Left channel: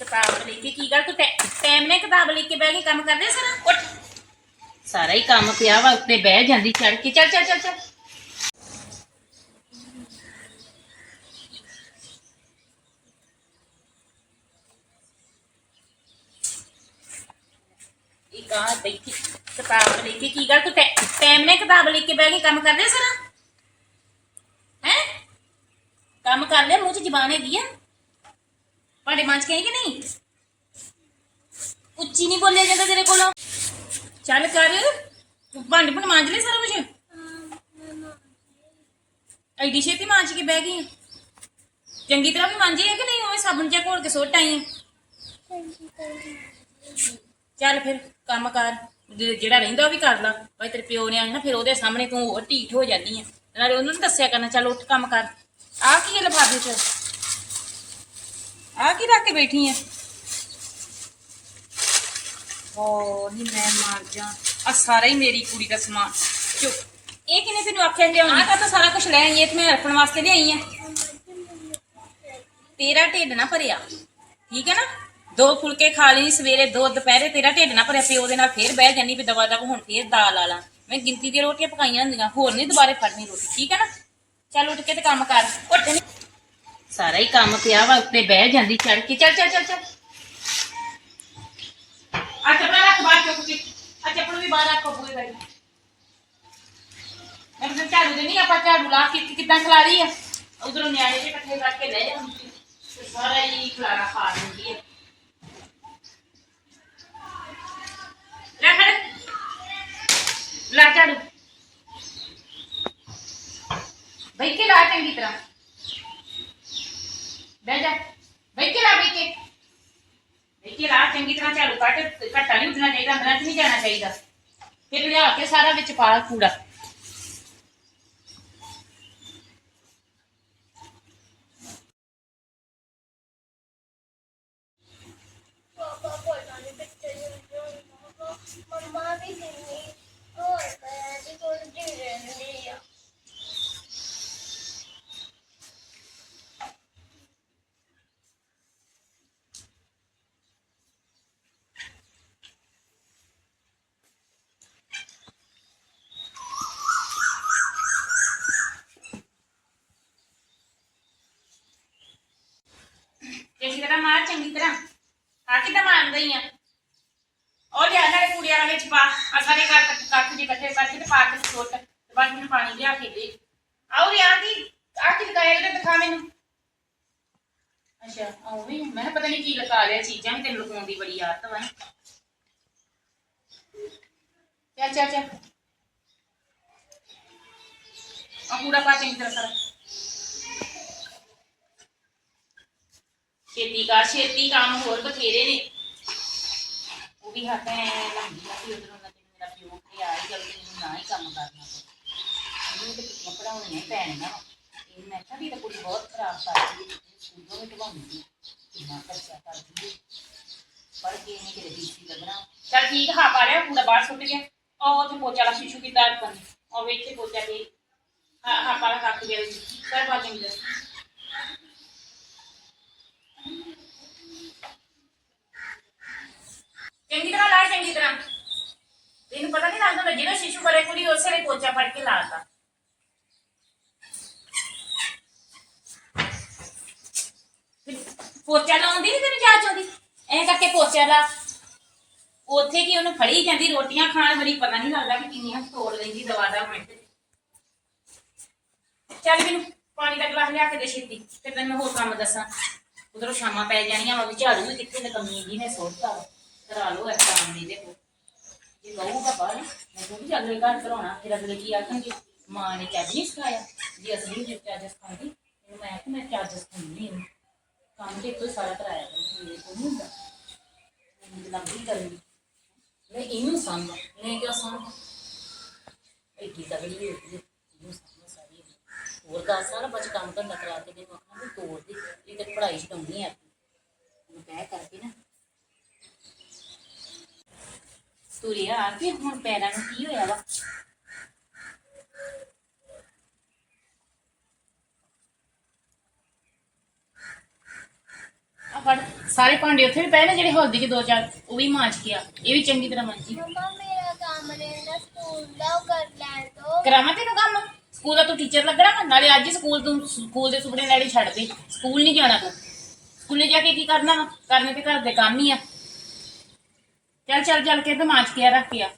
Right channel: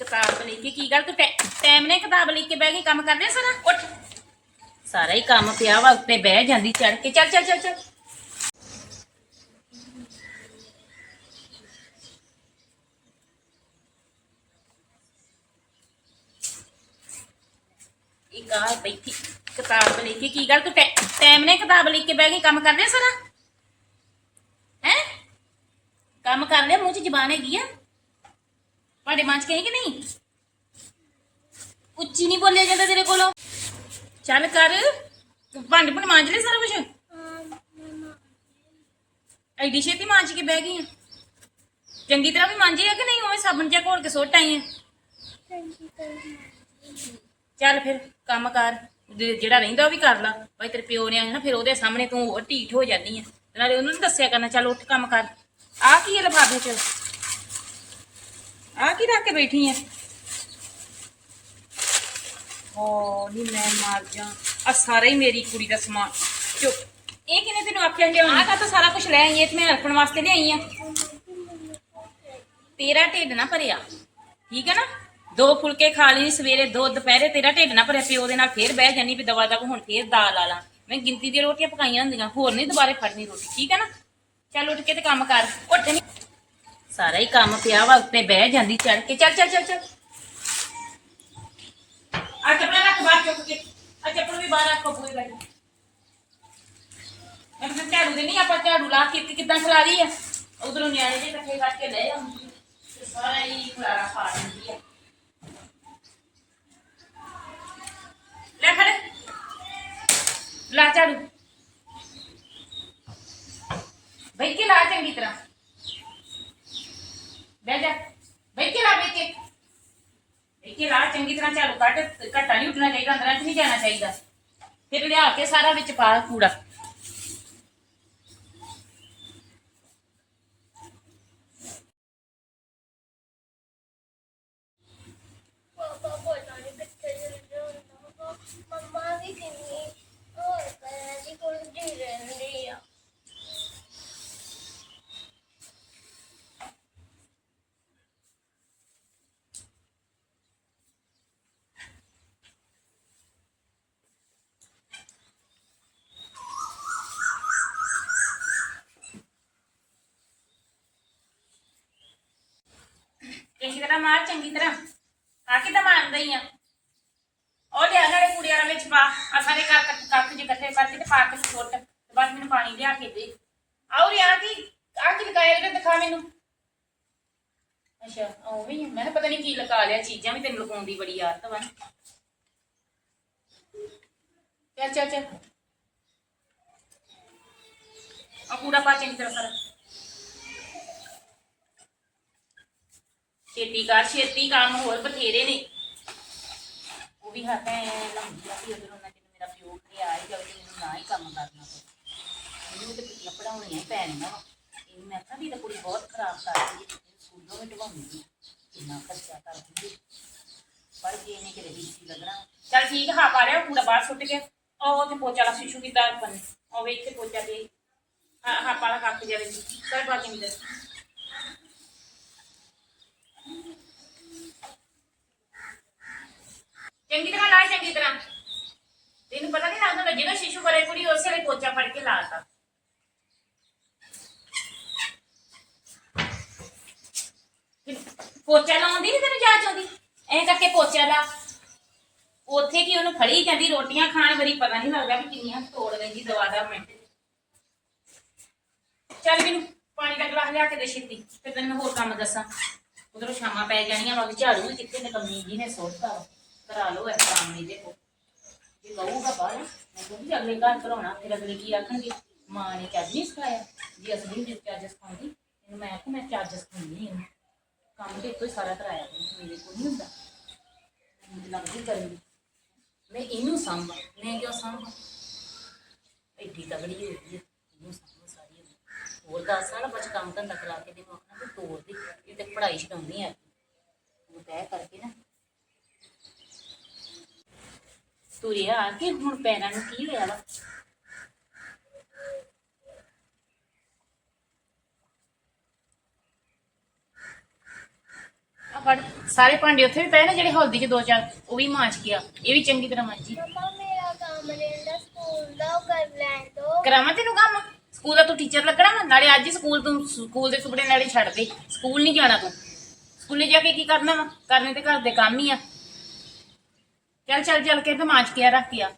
ਕਿਤਾਬ ਲੈ ਕੇ ਕੀ ਗੱਲ ਤੂੰ ਟਾਈਮ ਨੇ ਕਿਤਾਬ ਲੈ ਕੇ ਬਹਿ ਗਈ ਕੰਮ ਕਰਦੇ ਸਾਰਾ ਉੱਠ ਸਾਰਾ ਹੀ ਕੰਮ ਪਿਆ ਵਾ ਉੱਤੇ ਬਹਿ ਜਾਂਦੀ ਚੜ ਕੇ ਚੱਲ ਚੱਲ ਚੱਲ ਚੱਲ ਇੱਕ ਆ ਬੈਠੀ ਕਿਤਾਬ ਲੈ ਕੇ ਕੀ ਗੱਲ ਤੂੰ ਟਾਈਮ ਨੇ ਕਿਤਾਬ ਲੈ ਕੇ ਬਹਿ ਗਈ ਕੰਮ ਕਰਦੇ ਸਾਰਾ ਹੈ ਕੰਮ ਕਰ ਲਿਆ ਮੂੰਹ 'ਚ ਜ਼ਬਾਨ ਹੈਗੀ ਆ ਭਾਂਡੇ ਮਾਂਜ ਕੇ ਆਈ ਕਿ ਨਹੀਂ ਉੱਚੀ ਨਹੀਂ ਬੋਲਿਆ ਜਾਂਦਾ ਤੇਰੇ ਕੋਲੋਂ ਚੱਲ ਕਰ ਭਾਂਡੇ ਭੁੰਡ ਮਾਂਜ ਲੈ ਸਾਰਾ ਕੁਝ ਐਡੀ ਛੇਤੀ ਮਾਂਜ ਕੇ ਬਹਿ ਗਈ ਆਂ। ਚੰਗੀ ਤਰ੍ਹਾਂ ਵੀ ਮਾਂਜੇ ਆ ਕਿ ਨਹੀਂ ਉਹ ਸਾਬਣ ਜਿਹਾ ਘੋਲ ਕੇ ਸੁੱਟ ਆਈ ਆਂ। ਚੱਲ ਫਿਰ ਕੰਮ ਕਰ ਜੇ- ਜਿਹੜਾ ਰਹਿੰਦਾ ਉਹ ਵੀ ਕਰ ਲਾ ਭਾਈ ਤੇਰੇ ਪਿਓ ਨੇ ਆਣਾ ਫਿਰ ਉਹਦੇ ਸਾਹਮਣੇ ਤੂੰ ਹੋਰ ਢੀਠ ਹੋ ਜਾਂਦੀ ਆ ਨਾਲੇ ਉਹਨੂੰ ਨੀ ਦੱਸਿਆ ਕਰਨਾ ਚੱਲ ਉੱਠ ਕੰਮ ਕਰ ਆ ਕੀ ਹੈ ਲਿਫਾਫੇ 'ਚ ਆ ਕੀ ਰੱਖ ਕੇ ਬੈਠੀ ਆ ਓ ਨੀ ਮੈਂ ਮਰ ਜਾ। ਆ ਸਾਰਾ ਹੀ ਮੇਰੀ ਕੁੜੀ ਦਾ ਸਮਾਨ। ਚੁੱਪ। ਇਹ ਕਿਨੇ ਤੈਨੂੰ ਆਖਿਆ ਲਿਆਉਣੀ ਆ ਤਾਂ ਸਾਰਾ ਕੁਝ ਲੈ ਆਈ ਇਹ ਤੇ ਮੈਂ ਰੱਖਣ ਵਾਸਤੇ ਲਿਆਈ ਆ ਤੇਰਾ ਢਿੱਡ ਨਾ ਭਰਿਆ। ਠੀਕ ਹੈ ਨਾ? ਦੋ ਫੁਲਕੇ ਖਾ ਲਈ, ਸਵੇਰੇ ਦੋ, ਦੁਪਹਿਰੇ ਤੇਰਾ ਢਿੱਡ ਨਾ ਭਰਿਆ, ਪਿਓ ਦੇ ਨਾਲ ਫੇਰ ਬਹਿ ਜਾਨੀ ਵੀ ਦਵਾ ਦਵਾ ਹੁਣ ਫੇਰ ਦਾਲ ਲਾ ਲਾਂ। ਮੈਂ ਗਿਣਤੀ ਦੀਆਂ ਰੋਟੀਆਂ ਪਕਾਈਆਂ ਹੁੰਦੀਆਂ, ਹੋਰ ਨਹੀਂ ਦੁਬਾਰੇ ਫੜਨੀ ਰੋਟੀ, ਠੀਕ ਹੈ ਨਾ? ਚੱਲ ਉੱਠ ਕੇ ਤੇ ਕੰਮ ਕਰ। ਉੱਠ। ਨੀ ਸਾਰਾ ਹੀ ਕੰਮ ਪਿਆ ਵਾ, ਉੱਤੇ ਬਹਿ ਜਾਂਦੀ ਚੜ ਕੇ, ਚੱਲ ਚੱਲ ਚੱਲ ਚੱਲ। ਆ ਚੱਪਲ ਰੱਖ ਬਾਹਰ ਚੁੱਕ ਕੇ ਆ ਚੱਪਲ ਵੀ ਬਾਹਰ ਰੱਖੋ ਪੂਰੀ ਵਾਲੀ ਮੈਂ ਕਿਹਾ ਝਾੜੂ ਦੇ ਨਹੀਂ ਆਪਾਂ ਝਾੜੂ ਲਾ ਕੇ ਕਿੱਦਾਂ ਖਲਾਰੀ ਆ? ਉਧਰੋਂ ਨਿਆਣੇ ਜੇ ਇਕੱਠੇ ਕਰਕੇ ਲੈ ਜਾਂਦੀ ਤੇ ਸਾਰਾ ਹੀ ਖਲਾਰਾ ਖਾ ਲੈਂਦੀ ਆ। ਲੈ ਫੜ ਲਾ ਝਾੜੂ ਬਈ ਕੇ ਲਾ ਚੰਗੀ ਤਰ੍ਹਾਂ ਬਹਿ ਜਾ ਬਈ ਕੇ ਲਾ ਬਈ ਕੇ ਬਈ ਕੇ ਲਾ ਚੰਗੀ ਤਰ੍ਹਾਂ ਝਾੜੂ ਕੱਟ ਘੱਟਾ ਨਹੀਂ ਉੱਡਣਾ ਚਾਹੀਦਾ, ਅੰਦਰਾਂ ਚ ਨਹੀਂ ਜਾਣਾ ਚਾਹੀਦਾ। ਫਿਰ ਲਿਆ ਕੇ ਸਾਰਾ ਵਿੱਚ ਪਾ ਕੂੜਾ ਪਾਪਾ ਪਤਾ ਨਹੀਂ ਕਿੱਥੇ ਚਲ ਗਿਆ ਮੰਮਾ ਵੀ ਕਿੰਨੀ ਹੋਰ ਪੈਰ ਦੀ ਕੁੰਡੀ ਰਹਿੰਦੀ ਆ ਚੰਗੀ ਤਰ੍ਹਾਂ ਮਾਰ, ਚੰਗੀ ਤਰ੍ਹਾਂ। ਆ ਕਿੱਦਾਂ ਮਾਰਦਾ ਹੀ ਆ। ਉਹ ਲਿਆ ਨਾਲੇ ਕੂੜੇ ਵਾਲਾ ਵਿੱਚ ਪਾ। ਆ ਸਾਰੇ ਕੱਟ ਕੱਟ ਜੇ ਇਕੱਠੇ ਕਰਕੇ ਤੇ ਪਾ ਕੇ ਤੇ ਸੁੱਟ। ਤੇ ਬਸ ਮੈਨੂੰ ਪਾਣੀ ਲਿਆ ਕੇ ਦੇ। ਆਉ ਰਿਆ ਕੀ ਆ ਕੀ ਲਗਾਇਆ ਤੇ ਦਿਖਾ ਮੈਨੂੰ? ਅੱਛਾ ਉਹ ਵੀ। ਮੈਂ ਕਿਹਾ ਪਤਾ ਨਹੀਂ ਕੀ ਲਗਾ ਲਿਆ, ਚੀਜ਼ਾਂ ਵੀ ਤੈਨੂੰ ਲਗਾਉਣ ਦੀ ਬੜੀ ਆਦਤ ਵਾ ਚੱਲ ਚੱਲ ਚੱਲ। ਆ ਕੂੜਾ ਪਾ, ਚੰਗੀ ਤਰ੍ਹਾਂ ਕਰ ਛੇਤੀ ਕਰ ਛੇਤੀ ਕੰਮ ਹੋਰ ਬਥੇਰੇ ਨੇ ਉਹ ਵੀ ਹੱਥ ਐ ਲੰਘੀ ਆ ਵੀ ਉਧਰੋਂ ਨਾ ਤੈਨੂੰ ਮੇਰਾ ਪਿਓ ਕਿ ਆ ਹੀ ਜਲਦੀ ਇਹਨੂੰ ਨਾ ਹੀ ਕੰਮ ਕਰਨਾ ਪਵੇ ਇਹਨੂੰ ਤੇ ਕੁੜੀਆਂ ਪੜਾਉਣੀਆਂ ਹੀ ਪੈਣੀਆਂ ਵਾ ਇਹ ਮੈਂ ਕਿਹਾ ਵੀ ਇਹ ਤਾਂ ਕੁੜੀ ਬਹੁਤ ਖਰਾਬ ਕਰਦੀ ਹੈ ਸਕੂਲੋਂ ਵੀ ਢਵਾਉਂਦੀ ਹੈ ਕਿੰਨਾ ਖਰਚਾ ਕਰਦੀ ਹੈ ਪੜ ਕੇ ਇਹਨੇ ਕਿਤੇ ਡੀਸੀ ਲੱਗਣਾ ਚੱਲ ਠੀਕ ਹਾਂ ਪਾ ਲਿਆ ਕੂੜਾ ਬਾਹਰ ਸੁੱਟ ਗਿਆ ਉਹ ਤੇ ਪੋਚਾ ਲਾ ਸ਼ਿਸ਼ੂ ਵੀ ਤਾਰ ਪੰਨੇ ਉਹ ਵੇਖ ਕੇ ਪੋਚਾ ਦੇ ਹਾਂ ਹਾਂ ਪਾਲਾ ਕੱਕ ਜਿਹੜੇ ਕਰ ਪਾ ਚੰਗੀ ਚੰਗੀ ਤਰ੍ਹਾਂ ਲਾ, ਚੰਗੀ ਤਰ੍ਹਾਂ। ਤੈਨੂੰ ਪਤਾ ਨਹੀਂ ਲੱਗਦਾ ਜਦੋਂ ਸ਼ਿਸ਼ੂ ਕਰੇ ਕੁੜੀ ਉਸੇ ਵੇਲੇ ਪੋਚਾ ਫੜ ਕੇ ਲਾਤਾ। ਪੋਚਾ ਲਾਉਂਦੀ ਨਹੀਂ ਤੈਨੂੰ ਜਾਚ ਆਉਂਦੀ? ਐਂ ਕਰਕੇ ਪੋਚਾ ਲਾ। ਉੱਥੇ ਕੀ ਉਹਨੂੰ ਫੜੀ ਜਾਂਦੀ ਰੋਟੀਆਂ ਖਾਣ ਵਾਰੀ, ਪਤਾ ਨਹੀਂ ਲੱਗਦਾ ਕਿ ਕਿੰਨੀਆਂ ਤੋੜ ਲੈਂਦੀ ਦਵਾ ਦਾ ਮਿੰਟ ਚੱਲ ਮੈਨੂੰ ਪਾਣੀ ਦਾ ਗਲਾਸ ਲਿਆ ਕੇ ਦੇ ਛੇਤੀ, ਫਿਰ ਤੈਨੂੰ ਮੈਂ ਹੋਰ ਕੰਮ ਦੱਸਾਂ। ਉਧਰੋਂ ਸ਼ਾਮਾਂ ਪੈ ਜਾਣੀਆਂ ਵਾ, ਵੀ ਝਾੜੂ ਵੀ ਕਿੱਥੇ ਨਕਮੀ ਜੀ ਨੇ ਸੁੱਟਤਾ ਵਾ। ਕਰਾ ਲਓ ਇਸ ਕੰਮ ਦੀ ਦੇਖੋ। ਜੇ ਕਹੂਗਾ ਬਾਹਰ ਮੈਂ ਕਹਿੰਦੀ ਅਗਲੇ ਘਰ ਕਰਾਉਣਾ। ਫਿਰ ਅਗਲੇ ਕੀ ਆਖਣਗੇ? ਮਾਂ ਨੇ ਚੱਜ ਨਹੀਂ ਸਿਖਾਇਆ। ਜੀ ਅਸਲੀ ਜੇ ਚੱਜ ਸਿਖਾਉਂਦੀ ਇਹਨੂੰ ਮੈਂ ਆਖਿਆ ਮੈਂ ਚੱਜ ਸਿਖਾਉਂਦੀ ਇਹਨੂੰ। ਕੰਮ ਤੇ ਇੱਥੋਂ ਹੀ ਸਾਰਾ ਕਰਾਇਆ ਕਰੂੰ, ਮੇਰੇ ਕੋਲ ਨਹੀਂ ਹੁੰਦਾ। ਮੈਨੂੰ ਤਾਂ ਲੱਗਦੀ ਕਰਨੀ ਮੈਂ ਇਹਨੂੰ ਸੰਭਾਂ ਮੈਂ ਕਿਉਂ ਸੰਭਾਂ? ਐਡੀ ਤਗੜੀ ਹੋਈ ਹੈ ਇਹਨੂੰ ਸੰਭਾਂ ਸਾਰੀ। ਉਮਰ। ਹੋਰ ਗੱਲ ਸਾਰਾ ਬਚ ਕੰਮ ਧੰਦਾ ਕਰਾ ਕੇ ਮੈਨੂੰ ਆਖਣਾ ਵੀ ਤੋੜ ਦੇ ਇਹ ਤੇ ਪੜ੍ਹਾਈ ਛਡਾਉਣੀ ਆ ਉਹਨੂੰ ਕਹਿ ਕਰਕੇ ਨਾ ਤੁਰਿਆ ਆ ਕੇ ਹੁਣ ਪੈਰਾਂ ਨੂੰ ਕੀ ਹੋਇਆ ਵਾ? ਆ ਫੜ ਸਾਰੇ ਭਾਂਡੇ ਉੱਥੇ ਵੀ ਪਏ ਨੇ ਜਿਹੜੇ ਹਲਦੀ 'ਚ ਦੋ ਚਾਰ ਉਹ ਵੀ ਮਾਂਜ ਕੇ ਆ ਇਹ ਵੀ ਚੰਗੀ ਤਰ੍ਹਾਂ ਮਾਂਜੀ। ਮੰਮਾ ਮੇਰਾ ਕੰਮ ਰਹਿੰਦਾ ਸਕੂਲ ਦਾ ਉਹ ਕਰ ਲੈਣ ਦੋ। ਕਰਾਵਾਂ ਤੈਨੂੰ ਕੰਮ? ਸਕੂਲ ਦਾ ਤੂੰ ਟੀਚਰ ਲੱਗਣਾ ਵਾ? ਨਾਲੇ ਅੱਜ ਹੀ ਸਕੂਲ ਤੂੰ ਸਕੂਲ ਦੇ ਸੁਪਨੇ ਨਾਲੇ ਛੱਡ ਦੇ। ਸਕੂਲ ਨਹੀਂ ਜਾਣਾ ਤੂੰ। ਸਕੂਲੇ ਜਾ ਕੇ ਕੀ ਕਰਨਾ ਵਾ? ਕਰਨੇ ਤੇ ਘਰ ਦੇ ਕੰਮ ਹੀ ਆ। ਚੱਲ ਚੱਲ ਚੱਲ ਕੇ ਤੇ ਮਾਂਜ ਕੇ ਰੱਖ ਗਿਆ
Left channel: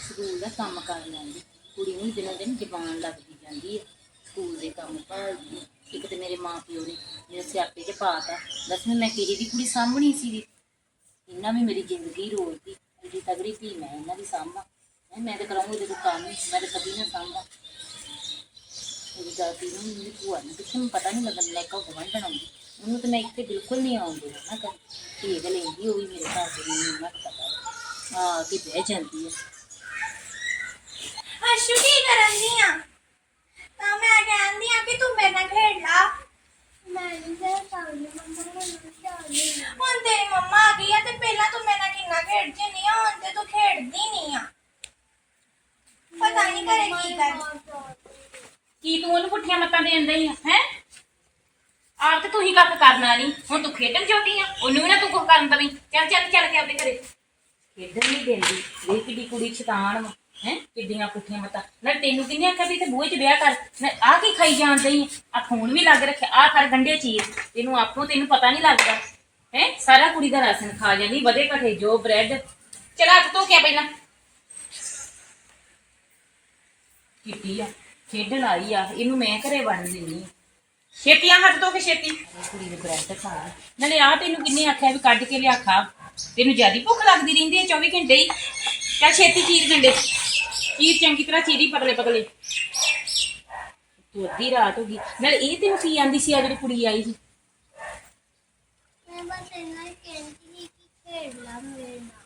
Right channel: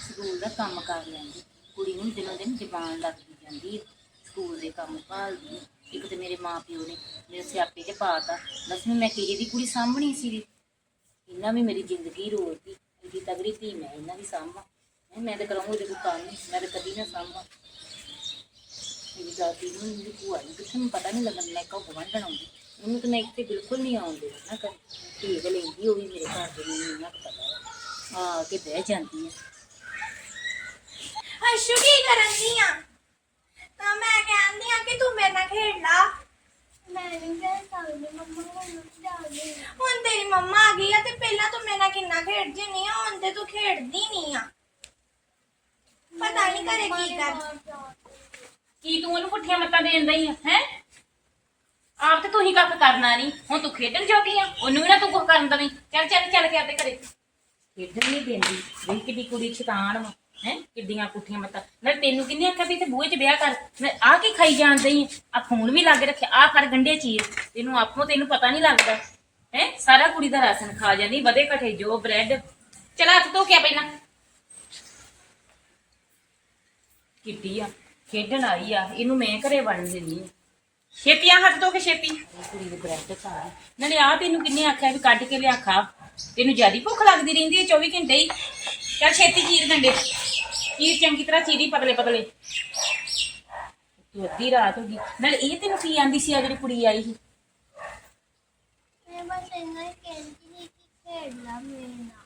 ਸਕੂਲ ਦਾ ਕੰਮ ਕਰ ਲੈਂਦੀ। ਕੁੜੀ ਨੂੰ ਦਿਨੋਂ ਦਿਨ ਜ਼ਬਾਨ ਲੱਗਦੀ ਜਾਂਦੀ ਹੈ ਸਕੂਲ ਦੇ ਕੰਮ ਭਾਲਦੀ। ਹੈ। ਇੱਕ ਤੇ ਮੇਰੇ ਮਾਂ ਪਿਓ ਨੇ ਮੇਰੇ ਸਿਆਪੇ 'ਚ ਪਾਤਾ ਦੱਸ ਮੈਂ ਕਿਹਦੀ ਦੀ ਕੁੜੀ ਸਾਂਭਣੀ ਸੀਗੀ। ਇਹਨਾਂ ਵੀ ਮੇਰੀ ਜ਼ਿੰਦਗੀ ਰੋਲਦੀ ਜਿਹੜੀ ਤਗੜੀ ਧੀ ਮੈਂ ਇਹਨਾਂ ਦੀ ਸਾਂਭਾਂ। ਹੈਂ, ਮੈਂ ਤਾਂ ਕਰਾਂਗੀ ਇਹਦੇ ਕੋਲ ਕੰਮ। ਮੈਂ ਤਾਂ ਕਦੀ ਨਾ ਸਾਂਭਾਂ। ਮੇਰੀ ਦਾਦੀ ਨੂੰ ਮੇਰੀ ਭੂਆ ਨੂੰ ਕਿਸੇ ਨੂੰ ਪਤਾ ਨਹੀਂ ਲੱਗਣ ਲੈ ਕੇ ਗਵੰਡਣ ਆਉਂਦੀ? ਉਹਨੂੰ ਤਾਂ ਮੈਂ ਇੱਥੇ ਬਿਲਕੁਲ ਨਹੀਂ ਆਉਂਦੀ ਨਾ ਕਰ ਠੀਕ ਲੈਂਦੀ ਉਹ ਵੀ ਮੇਰੇ ਘਰ ਦੇ ਨੂੰ ਇੰਨਾ ਕੁ ਪਤਾ ਵਾ। ਆ ਕੇ ਬਹਿ ਜਾਂਦੀ ਹੈ ਅਸ਼ੂ ਕੀ ਕਰਨ ਦੀ ਆ? ਤਾਂ ਮੈਂ ਕਹਿੰਦੀ ਆ ਕਿ ਤੂੰ ਮੇਰੇ ਨਾਲ ਖੇਡ ਲਾ। ਮੈਂ ਨਹੀਂ ਕਰ ਸਕਦੀ ਮੰਮਾ ਮੈਨੂੰ ਚਾਹੀਏ ਹੁਣ ਤੇਰੀ ਮੰਮਾ ਆ ਗਈ ਆ ਤੇ ਪਹਿਲਾਂ ਤੂੰ ਮੇਰੇ ਨਾਲ ਕਿੰਨਾ ਖੇਡਦੀ ਨਹੀਂ ਆ ਹੁਣ ਤੇ ਤੂੰ ਖੇਡਦੀ ਨਹੀਂ ਆ। ਪਤਾ ਨਹੀਂ ਕਰੇ ਕੀ ਕਰ ਕੀ ਤੂੰ ਉਹਨੂੰ ਪੁੱਠੀਆਂ ਮੱਤਾਂ ਦੇ ਜਾਂਦਾ ਹੀ ਆ ਹੈ? ਆਪ ਤੇ ਤੂੰ ਹੀ ਕੱਖ ਕਰਨਾ ਨਹੀਂ ਹੁਣ ਤੂੰ ਖੇਡਣ ਜੋਗੀ ਆ, ਉਹਨੂੰ ਵੀ ਨਾ ਤੂੰ ਕੁਝ ਕਰਨ ਦਵੀਂ। ਚੱਲ ਚੱਲ ਚੱਲ ਕੇ ਆਪਦੇ ਘਰੇ। ਖੇਡਣ ਨਹੀਂ ਦਿੰਦੀ, ਵੇਖ ਕਿੱਡੀ ਕੁੜੀ ਸ਼ੈਤਾਨ ਵਾ, ਹੈ, ਕਿੱਡੀਆਂ ਪੁੱਠੀਆਂ ਮੱਤਾਂ। ਮੈਂ ਤੈਨੂੰ ਕਿੰਨੀ ਆਖਿਆ ਵੀ ਤੇ ਬੂਹੇ 'ਚ ਵਿਆਹ ਕਰ, ਮੈਂ ਆ ਕੀ ਖਾਈ ਜਾਂਦੀ ਆ? ਆ ਫੋਨ ਵੀ ਲੱਗ ਰੱਖਿਆ ਆ ਫੜ ਗੰਡੇ ਚੀਰ ਤੈਨੂੰ ਆਪੋ ਤੈਨੂੰ ਪਤਾ ਨਹੀਂ ਲੱਗਦਾ, ਹੈ, ਸਾਰਾ ਕੁੜੀ ਦਾ ਰਾਸ਼ਨ ਖਾ ਜਾਂਦੀ, ਵਧੇ ਘਟੇ ਜੋ ਬ੍ਰੈਡ। ਚਲ, ਹੱਥ ਧੋ ਕੇ ਆ ਪਹਿਲਾਂ। ਕਿੱਡੀ ਆ, ਖੇਡਣ ਆਈ ਆ, ਇਹਨੂੰ ਮੈਂ ਘਰੇ ਵੜਨ ਦਿੰਨੀ ਆ। ਛੇਤੀ ਆ ਹੱਥ ਧੋ ਕੇ ਛੇਤੀ। ਕੁੜੀ ਦੇ ਬ੍ਰੈਡ ਖਾ ਨਾਲੇ ਆ ਤੈਨੂੰ ਕਿੰਨੇ ਆਖਿਆ ਵੀ ਕੱਢ ਕੇ ਲਿਆ ਖਾ। ਤੈਨੂੰ ਜਿਆਦੀ ਭੁੱਖ ਲੱਗਦੀ ਰਹਿੰਦੀ ਹੈ 24 ਘੰਟੇ ਹੀ। ਚੱਲ ਛੇਤੀ ਚੀਰ ਗੰਡੇ। ਚੀਰ ਚੰਗੀ ਤਰ੍ਹਾਂ ਚੀਰੀ ਪਤਲੇ ਪਤਲੇ। ਤੂੰ ਅੱਧੀ ਰਾਤ ਹੋ ਗਈ। ਨਾਲੇ ਇਹ ਤੈਨੂੰ ਕੀ ਆਂਦੀ ਸੀ ਆ ਜਿਹੜੀ ਕੁੜੀ ਆਈ ਸੀ? ਮੈਂ ਬਸ ਇੰਨਾ ਹੀ ਕਹਿੰਦੀ ਸੀ ਕਿ ਖੇਡ ਲਾ ਮੇਰੇ ਨਾਲ।